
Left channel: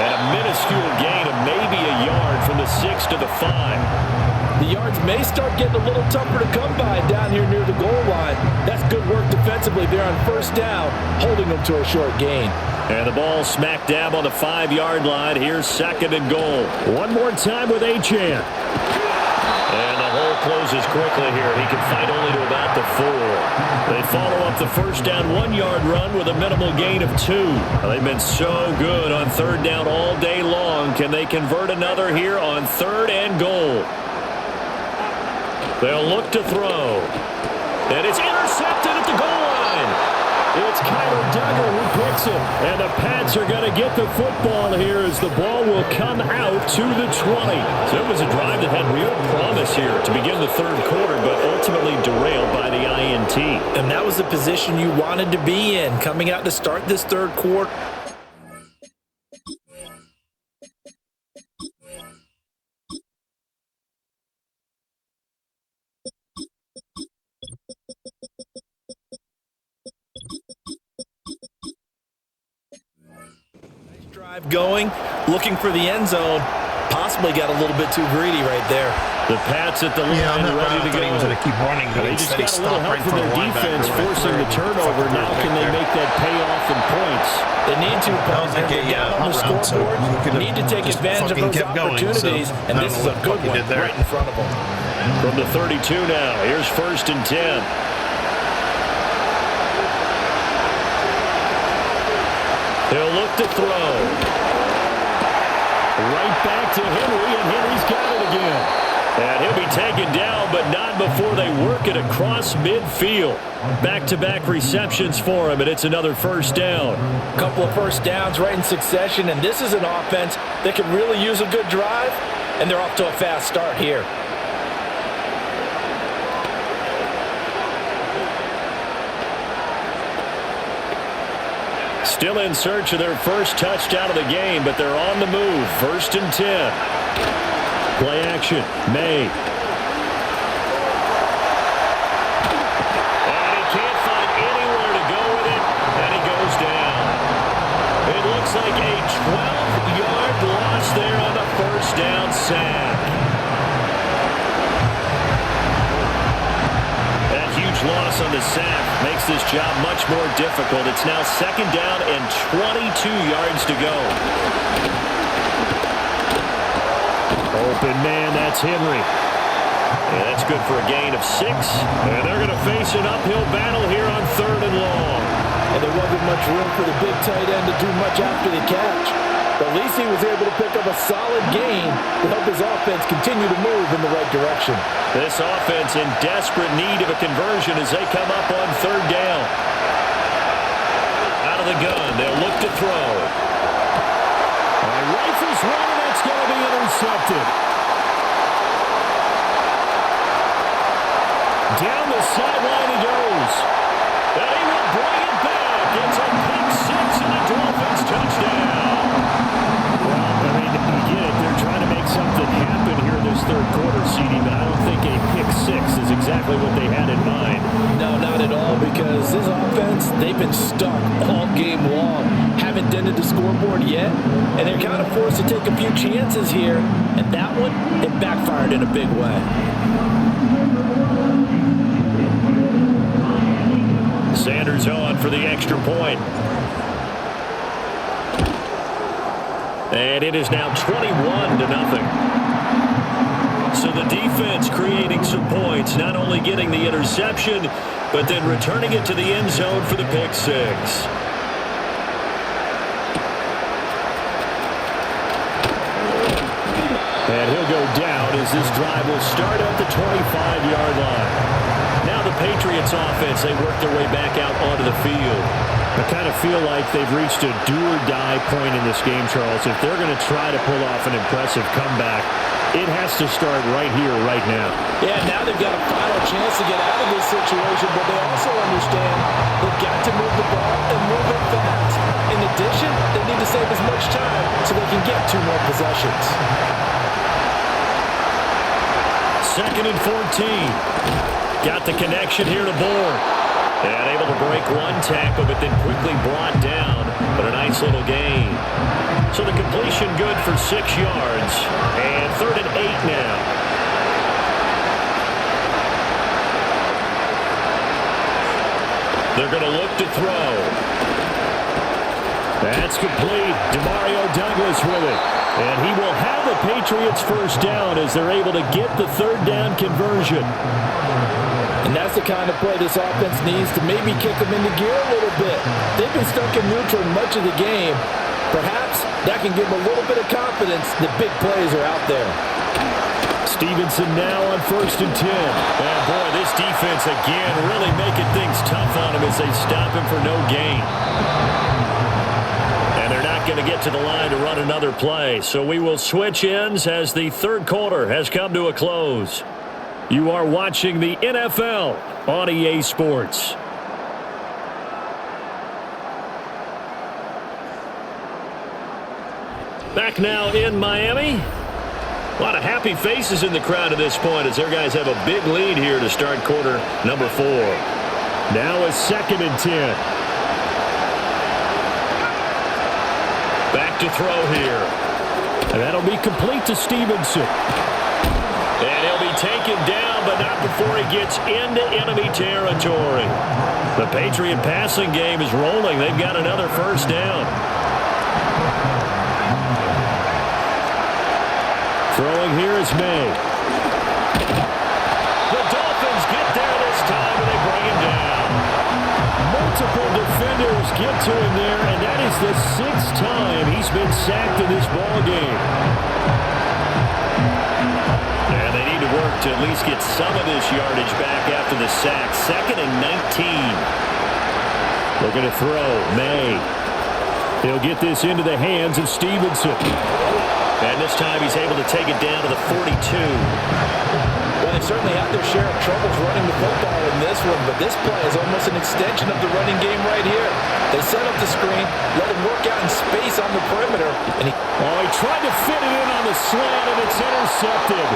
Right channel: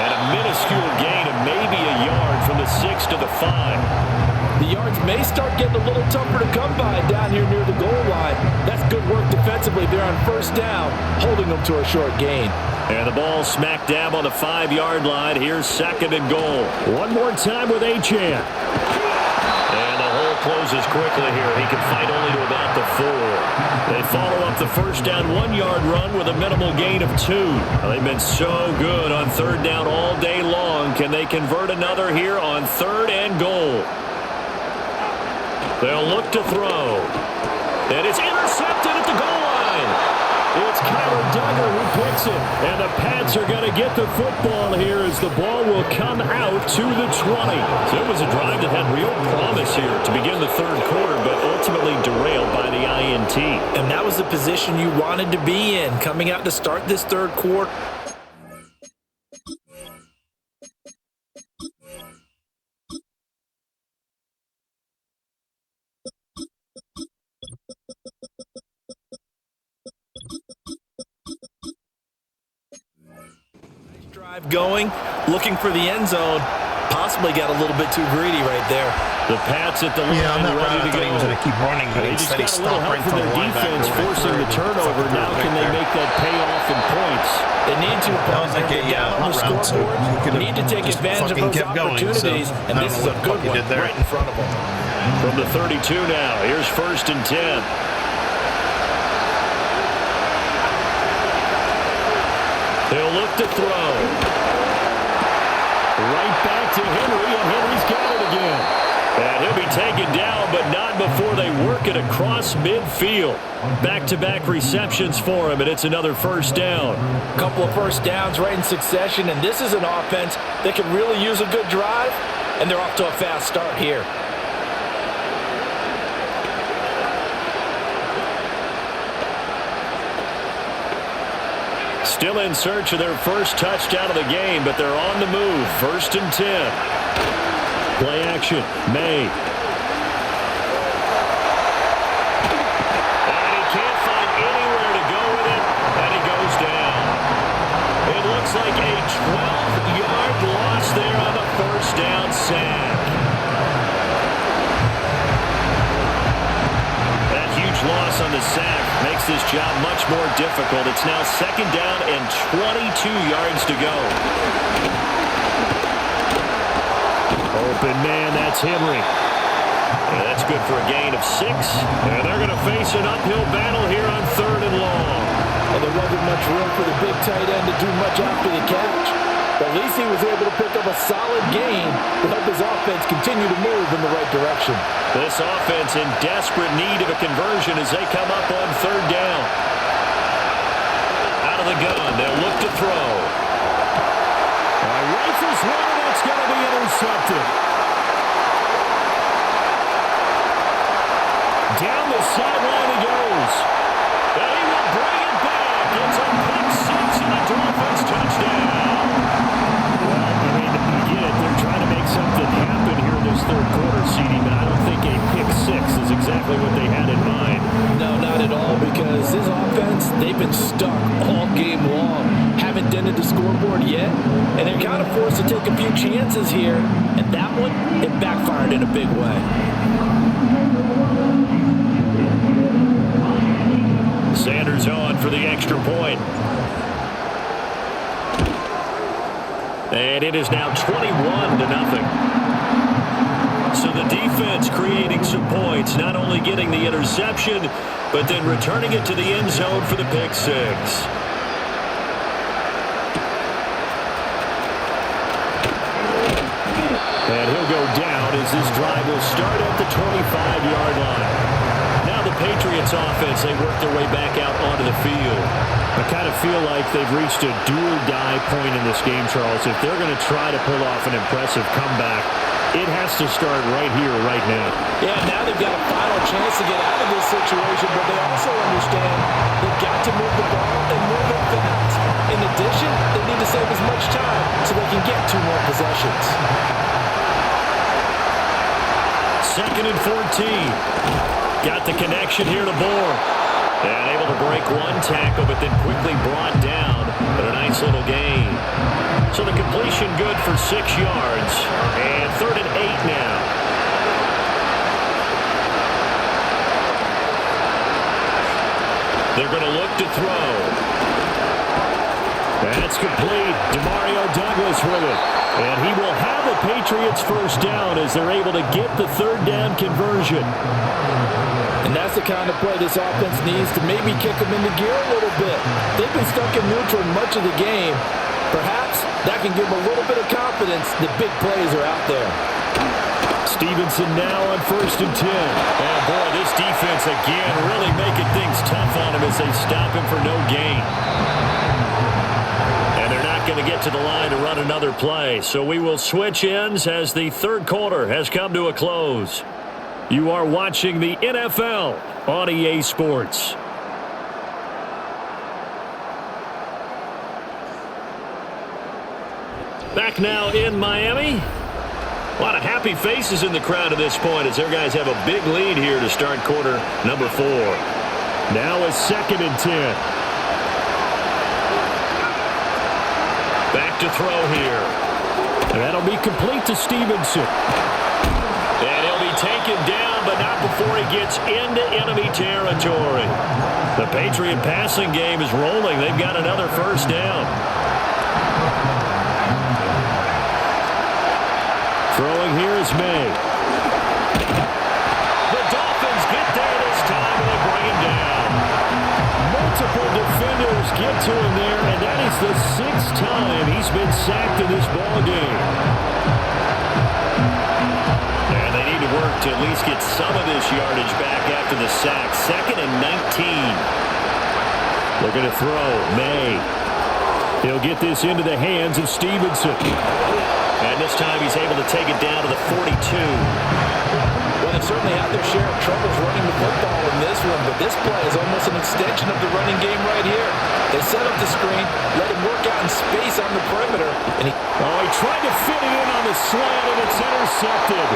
And a minuscule gain of maybe a yard from the 6 to the 5. The yards may start getting a little tougher to come by down here near the goal line. That's good work defensively there on 1st down, holding them to a short gain. And the ball smack dab on the 5-yard line. Here's 2nd and goal. One more time with Achane. And the hole closes quickly here. He can fight only to about the 4. They follow up the 1st down 1-yard run with a minimal gain of 2. They've been so good on 3rd down all day long. Can they convert another here on 3rd and goal? They'll look to throw. And it's intercepted at the goal line. It's Kyler Duggar who picks it. And the Pats are going to get the football here as the ball will come out to the 20. So it was a drive that had real promise here to begin the third quarter, but ultimately derailed by the INT. And that was the position you wanted to be in coming out to start this third quarter. Drive going, looking for the end zone. Possibly got a little bit too greedy right there. The Pats at the line, on that ready route, to I thought go. he was going to keep running, but They just instead he got a little stopped help right in from front of their the linebacker. defense, forcing the turnover. Now can they make that pay off in points? They need to, That was partner. like They're a down on the hot route, so scoreboard. he could have Need to take just advantage of fucking those kept going, so opportunities, I and don't this know is what a the fuck good he one did there. right in front of them. From the 32 now, here's 1st and 10. He'll look to throw. Right back to Henry, and Henry's got it again. And he'll be taken down, but not before they work it across midfield. Back-to-back receptions for him, and it's another first down. A couple of first downs right in succession, and this is an offense that could really use a good drive, and they're off to a fast start here. Still in search of their first touchdown of the game, but they're on the move. 1st and 10. Play action. May. And he can't find anywhere to go with it, and he goes down. It looks like a 12-yard loss there on the first down sack. That huge loss on the sack makes this job much more difficult. It's now 2nd down and 22 yards to go. Open man, that's Henry. And that's good for a gain of 6. And they're going to face an uphill battle here on 3rd and long. And there wasn't much room for the big tight end to do much after the catch. But at least he was able to pick up a solid gain to help his offense continue to move in the right direction. This offense in desperate need of a conversion as they come up on 3rd down. Out of the gun, they'll look to throw. All right, rifles one, and that's going to be intercepted. Down the sideline he goes. And he will bring it back. It's a pick 6 and a Dolphins touchdown. Well, I mean, you get it. They're trying to make something happen here in this third quarter, CD, but I don't think a pick 6 is exactly what they had in mind. No, not at all, because this offense, they've been stuck all game long. Haven't dented the scoreboard yet, and they're kind of forced to take a few chances here, and that one, it backfired in a big way. Sanders on for the extra point. And it is now 21-0. So the defense creating some points, not only getting the interception, but then returning it to the end zone for the pick 6. And he'll go down as this drive will start at the 25-yard line. Now the Patriots offense, they work their way back out onto the field. I kind of feel like they've reached a do-or-die point in this game, Charles. If they're going to try to pull off an impressive comeback, it has to start right here, right now. Yeah, now they've got a final chance to get out of this situation, but they also understand they've got to move the ball and move it fast. In addition, they need to save as much time so they can get 2 more possessions. 2nd and 14. Got the connection here to Bourne. And able to break one tackle, but then quickly brought down. But a nice little gain. So the completion good for 6 yards. And 3rd and 8 now. They're going to look to throw. That's complete. Demario Douglas with it. And he will have a Patriots first down as they're able to get the 3rd down conversion. And that's the kind of play this offense needs to maybe kick them into gear a little bit. They've been stuck in neutral much of the game. Perhaps that can give them a little bit of confidence that big plays are out there. Stevenson now on 1st and 10. Yeah, boy, this defense again really making things tough on him as they stop him for no gain. And they're not going to get to the line to run another play. So we will switch ends as the third quarter has come to a close. You are watching the NFL on EA Sports. Back now in Miami. A lot of happy faces in the crowd at this point as their guys have a big lead here to start quarter number 4. Now it's 2nd and 10. Back to throw here. And that'll be complete to Stevenson. And he'll be taken down, but not before he gets into enemy territory. The Patriot passing game is rolling. They've got another first down. Throwing here is May. The Dolphins get there this time, and they bring him down. Multiple defenders get to him there, and that is the 6th time he's been sacked in this ball game. And they need to work to at least get some of this yardage back after the sack. 2nd and 19. Looking to throw. May. He'll get this into the hands of Stevenson. And this time he's able to take it down to the 42. Well, they certainly had their share of troubles running the football in this one, but this play is almost an extension of the running game right here. They set up the screen, let him work out in space on the perimeter, and he tried to fit it in on the slant, and it's intercepted.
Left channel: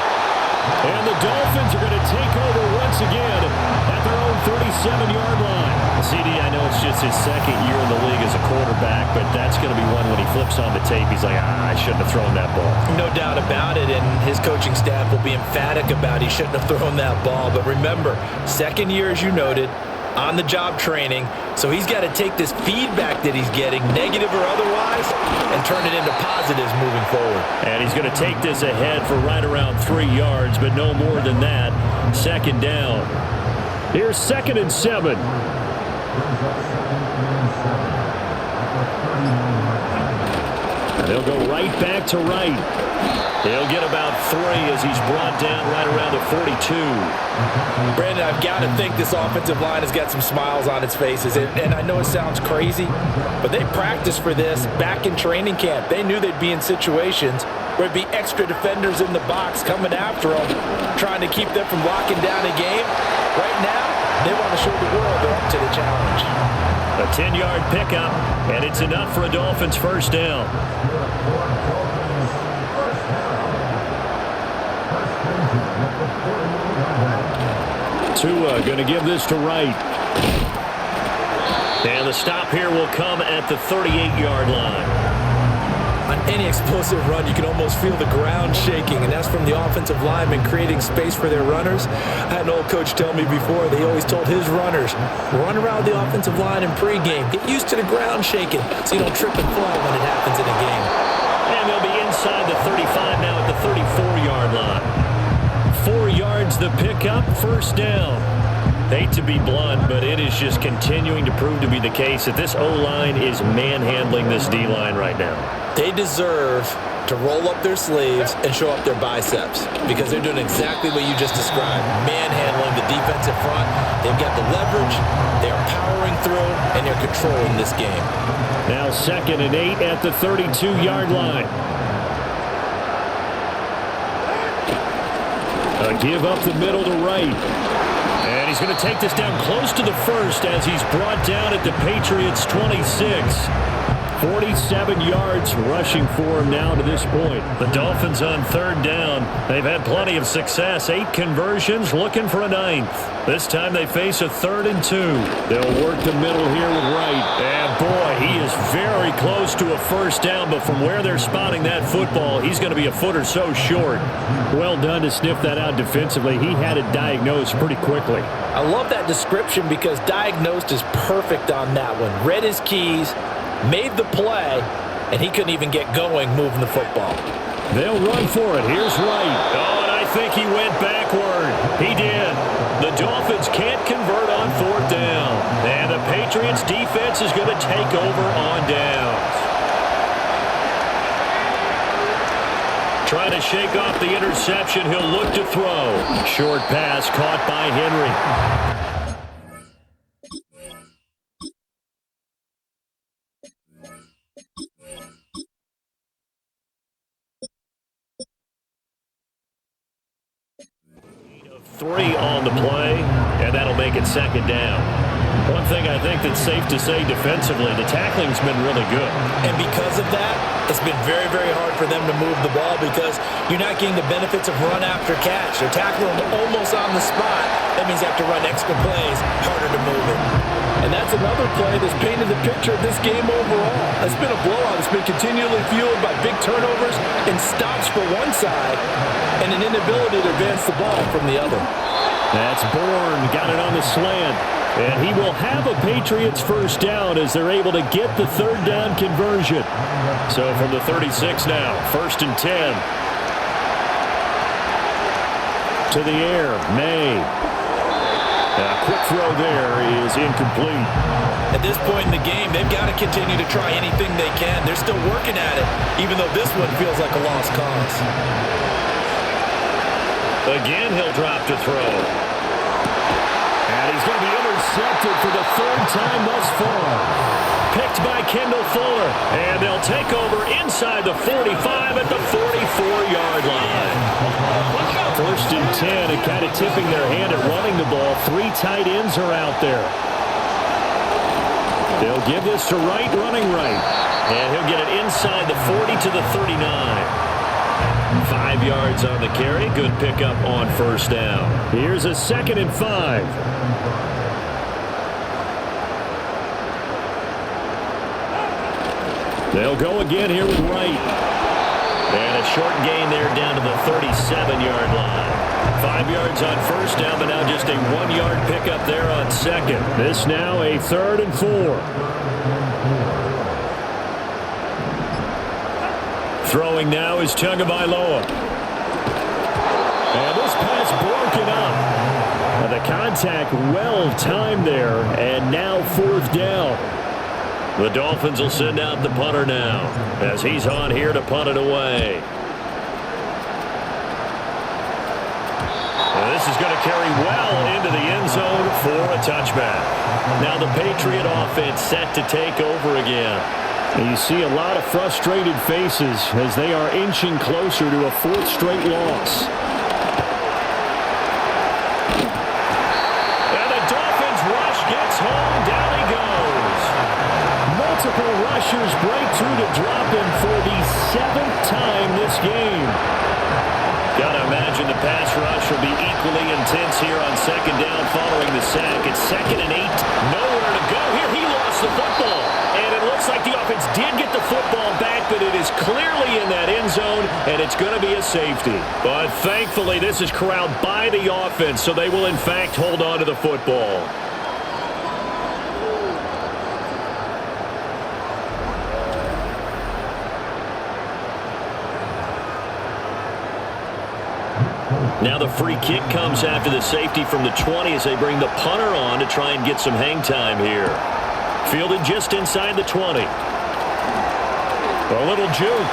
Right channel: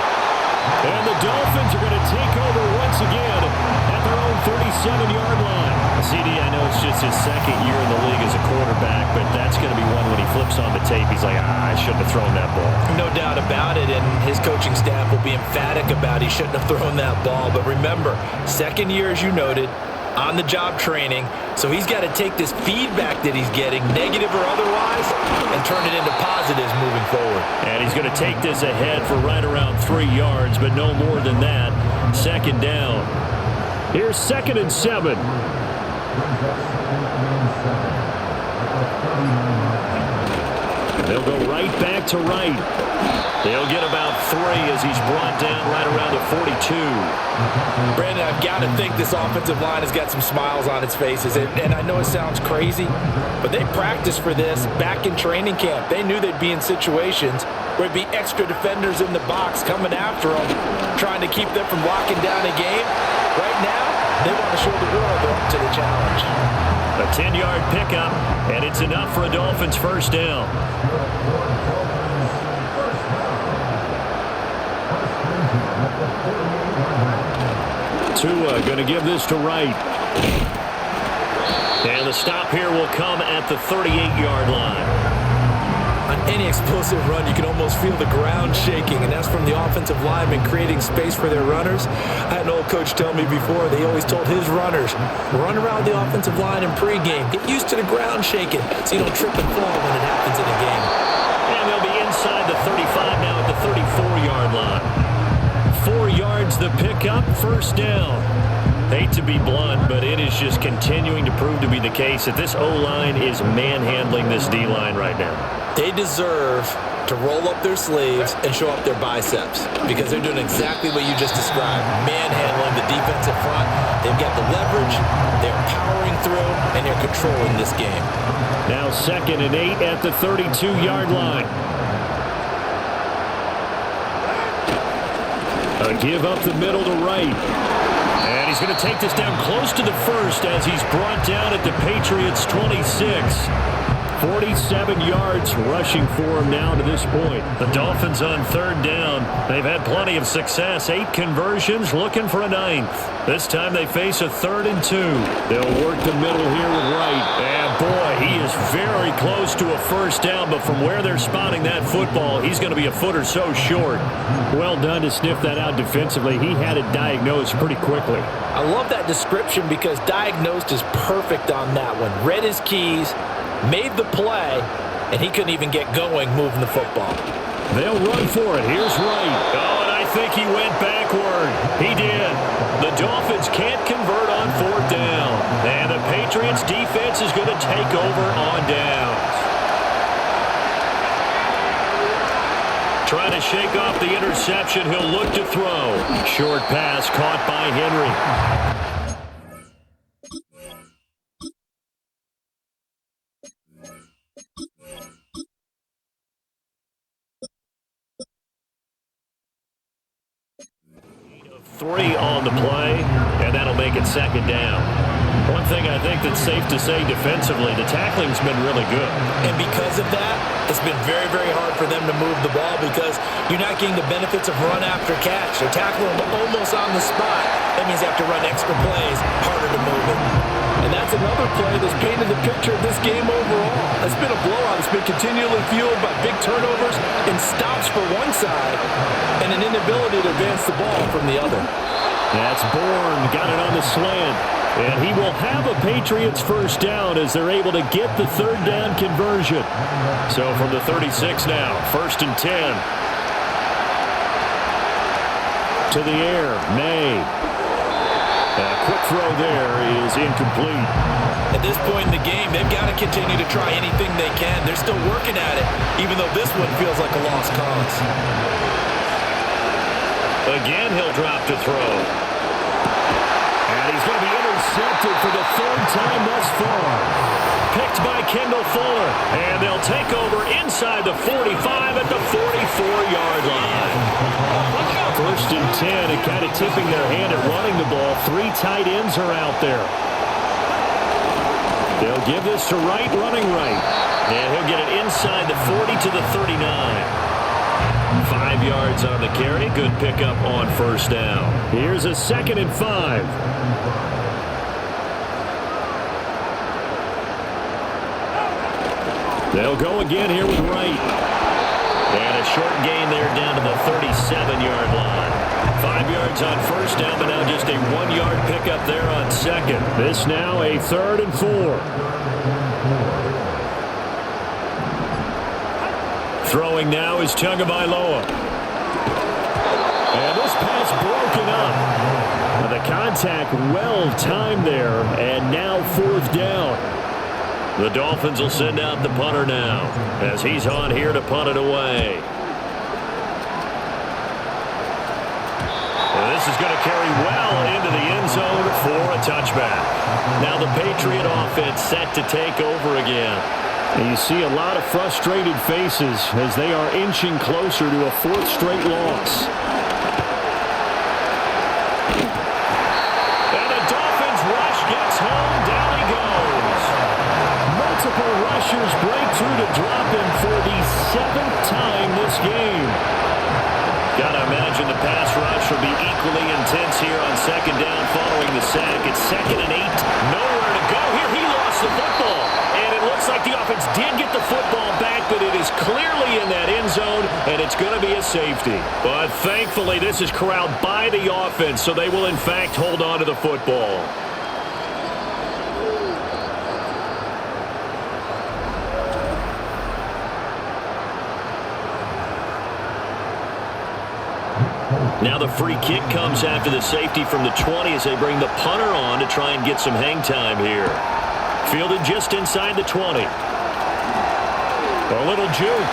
And the Dolphins are going to take over once again at their own 37-yard line. CD, I know it's just his 2nd year in the league as a quarterback, but that's going to be one when he flips on the tape. He's like, I shouldn't have thrown that ball. No doubt about it, and his coaching staff will be emphatic about he shouldn't have thrown that ball. But remember, 2nd year, as you noted, on-the-job training, so he's got to take this feedback that he's getting, negative or otherwise, and turn it into positives moving forward. And he's going to take this ahead for right around 3 yards, but no more than that. 2nd down. Here's 2nd and 7. And they'll go right back to right. He'll get about 3 as he's brought down right around the 42. Brandon, I've got to think this offensive line has got some smiles on its faces. And I know it sounds crazy, but they practiced for this back in training camp. They knew they'd be in situations where it'd be extra defenders in the box coming after them, trying to keep them from locking down a game. Right now, they want to show the world they're up to the challenge. A 10-yard pickup, and it's enough for a Dolphins first down. Tua going to give this to Wright. And the stop here will come at the 38-yard line. On any explosive run, you can almost feel the ground shaking, and that's from the offensive linemen creating space for their runners. I had an old coach tell me before, they always told his runners, run around the offensive line in pregame. Get used to the ground shaking so you don't trip and fall when it happens in a game. And they'll be inside the 35 now at the 34-yard line. 4 yards the pickup, first down. Hate to be blunt, but it is just continuing to prove to be the case that this O-line is manhandling this D-line right now. They deserve to roll up their sleeves and show up their biceps because they're doing exactly what you just described, manhandling the defensive front. They've got the leverage, they're powering through, and they're controlling this game. Now 2nd and 8 at the 32-yard line. A give up the middle to Wright. And he's going to take this down close to the first as he's brought down at the Patriots' 26. 47 yards rushing for him now to this point. The Dolphins on 3rd down. They've had plenty of success. 8 conversions, looking for a 9th. This time they face a 3rd and 2. They'll work the middle here with Wright. And boy, he is very close to a first down, but from where they're spotting that football, he's going to be a foot or so short. Well done to sniff that out defensively. He had it diagnosed pretty quickly. I love that description because diagnosed is perfect on that one. Read his keys, made the play, and he couldn't even get going moving the football. They'll run for it. Here's Wright. Oh, and I think he went backward. He did. The Dolphins can't convert on 4th down. And the Patriots defense is going to take over on downs. Trying to shake off the interception. He'll look to throw. Short pass caught by Henry. Three on the play, and that'll make it second down. One thing I think that's safe to say defensively, the tackling's been really good. And because of that, it's been very, very hard for them to move the ball because you're not getting the benefits of run after catch. They're tackling them almost on the spot. That means you have to run extra plays, harder to move it. And that's another play that's painted the picture of this game overall. It's been a blowout. It's been continually fueled by big turnovers and stops for one side and an inability to advance the ball from the other. That's Bourne. Got it on the slant. And he will have a Patriots first down as they're able to get the third down conversion. So from the 36 now, 1st and 10. To the air, May. A quick throw there is incomplete. At this point in the game, they've got to continue to try anything they can. They're still working at it, even though this one feels like a lost cause. Again, he'll drop to throw. And he's going to be intercepted for the 3rd time thus far. Picked by Kendall Fuller. And they'll take over inside the 45 at the 44-yard line. 1st and 10, and kind of tipping their hand at running the ball. 3 tight ends are out there. They'll give this to Wright, running right. And he'll get it inside the 40 to the 39. 5 yards on the carry. Good pickup on 1st down. Here's a 2nd and 5. They'll go again here with Wright. And a short gain there down to the 37-yard line. 5 yards on 1st down, but now just a 1-yard pickup there on 2nd. This now a 3rd and 4. Throwing now is Tagovailoa. And this pass broken up. The contact well timed there, and now 4th down. The Dolphins will send out the punter now as he's on here to punt it away. And this is going to carry well into the end zone for a touchback. Now the Patriot offense set to take over again. And you see a lot of frustrated faces as they are inching closer to a 4th straight loss. And the Dolphins rush gets home. Down he goes. Multiple rushers break through to drop him for the 7th time this game. Gotta imagine the pass rush will be equally intense here on 2nd down following the sack. It's 2nd and 8. Nowhere to go here. He lost the football. And it looks like the offense did get the football back, but it is clearly in that end zone, and it's going to be a safety. But thankfully, this is corralled by the offense, so they will, in fact, hold on to the football. Now the free kick comes after the safety from the 20 as they bring the punter on to try and get some hang time here. Fielded just inside the 20. A little juke.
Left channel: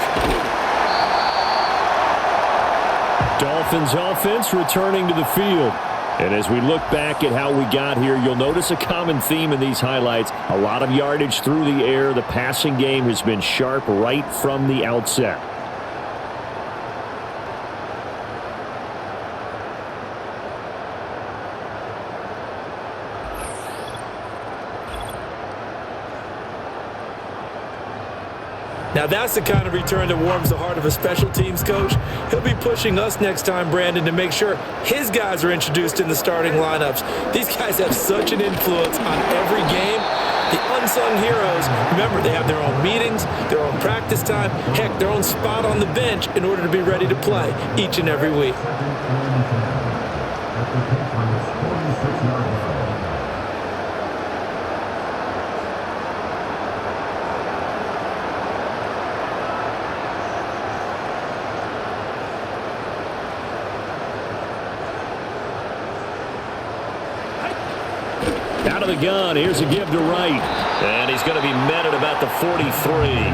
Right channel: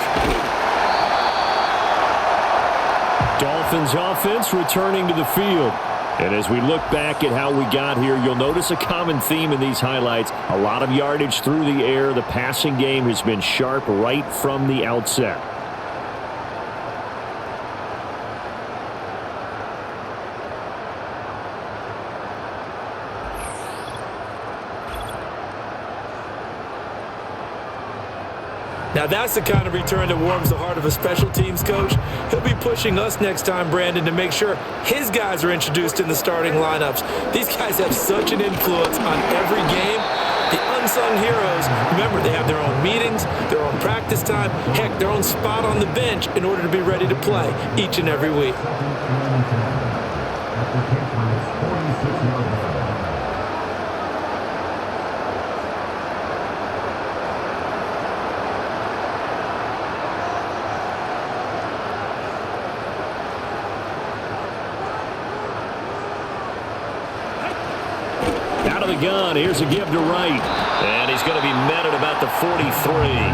Dolphins offense returning to the field. And as we look back at how we got here, you'll notice a common theme in these highlights. A lot of yardage through the air. The passing game has been sharp right from the outset. Now that's the kind of return that warms the heart of a special teams coach. He'll be pushing us next time, Brandon, to make sure his guys are introduced in the starting lineups. These guys have such an influence on every game. The unsung heroes, remember, they have their own meetings, their own practice time, heck, their own spot on the bench in order to be ready to play each and every week. Out of the gun, here's a give to Wright. And he's going to be met at about the 43.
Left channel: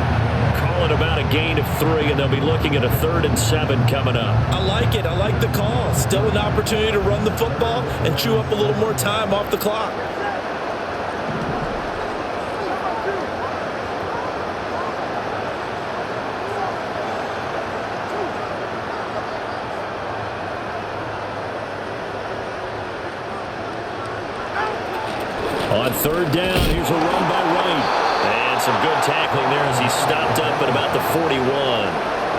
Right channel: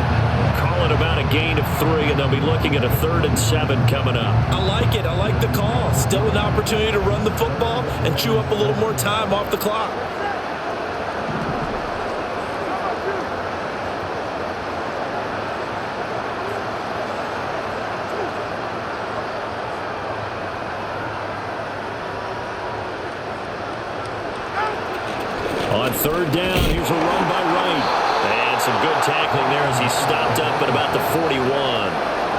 Calling about a gain of 3, and they'll be looking at a 3rd and 7 coming up. I like it. I like the call. Still an opportunity to run the football and chew up a little more time off the clock. On 3rd down, here's a run by Wright. And some good tackling there as he stopped up at about the 41.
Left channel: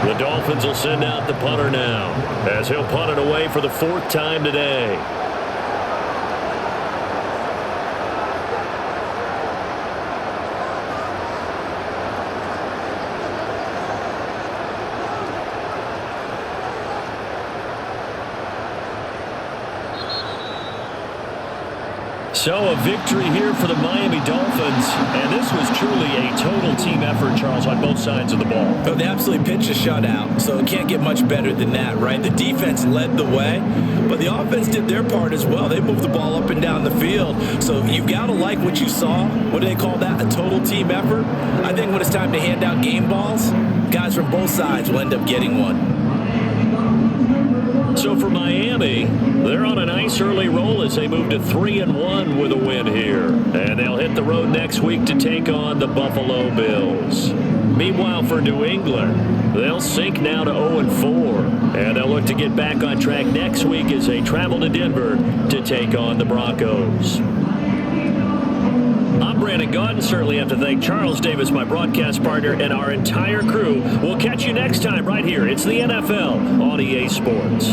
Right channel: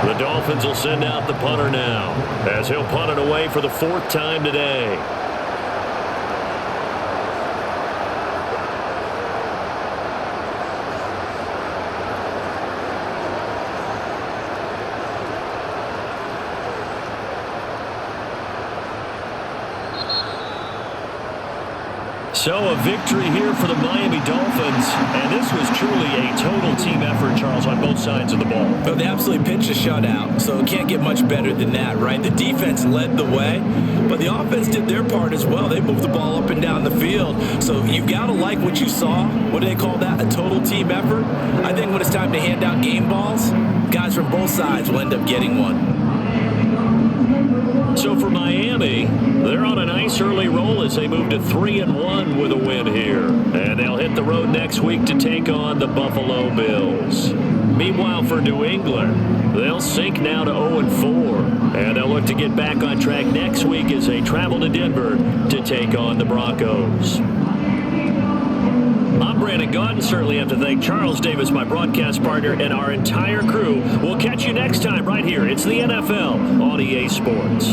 The Dolphins will send out the punter now as he'll punt it away for the 4th time today. So a victory here for the Miami Dolphins, and this was truly a total team effort, Charles, on both sides of the ball. Well, they absolutely pitched a shutout, so it can't get much better than that, right? The defense led the way, but the offense did their part as well. They moved the ball up and down the field, so you've got to like what you saw. What do they call that? A total team effort? I think when it's time to hand out game balls, guys from both sides will end up getting one. So for Miami, they're on a nice early roll as they move to 3-1 with a win here. And they'll hit the road next week to take on the Buffalo Bills. Meanwhile, for New England, they'll sink now to 0-4. And they'll look to get back on track next week as they travel to Denver to take on the Broncos. I'm Brandon Gaudin. Certainly have to thank Charles Davis, my broadcast partner, and our entire crew. We'll catch you next time right here. It's the NFL on EA Sports.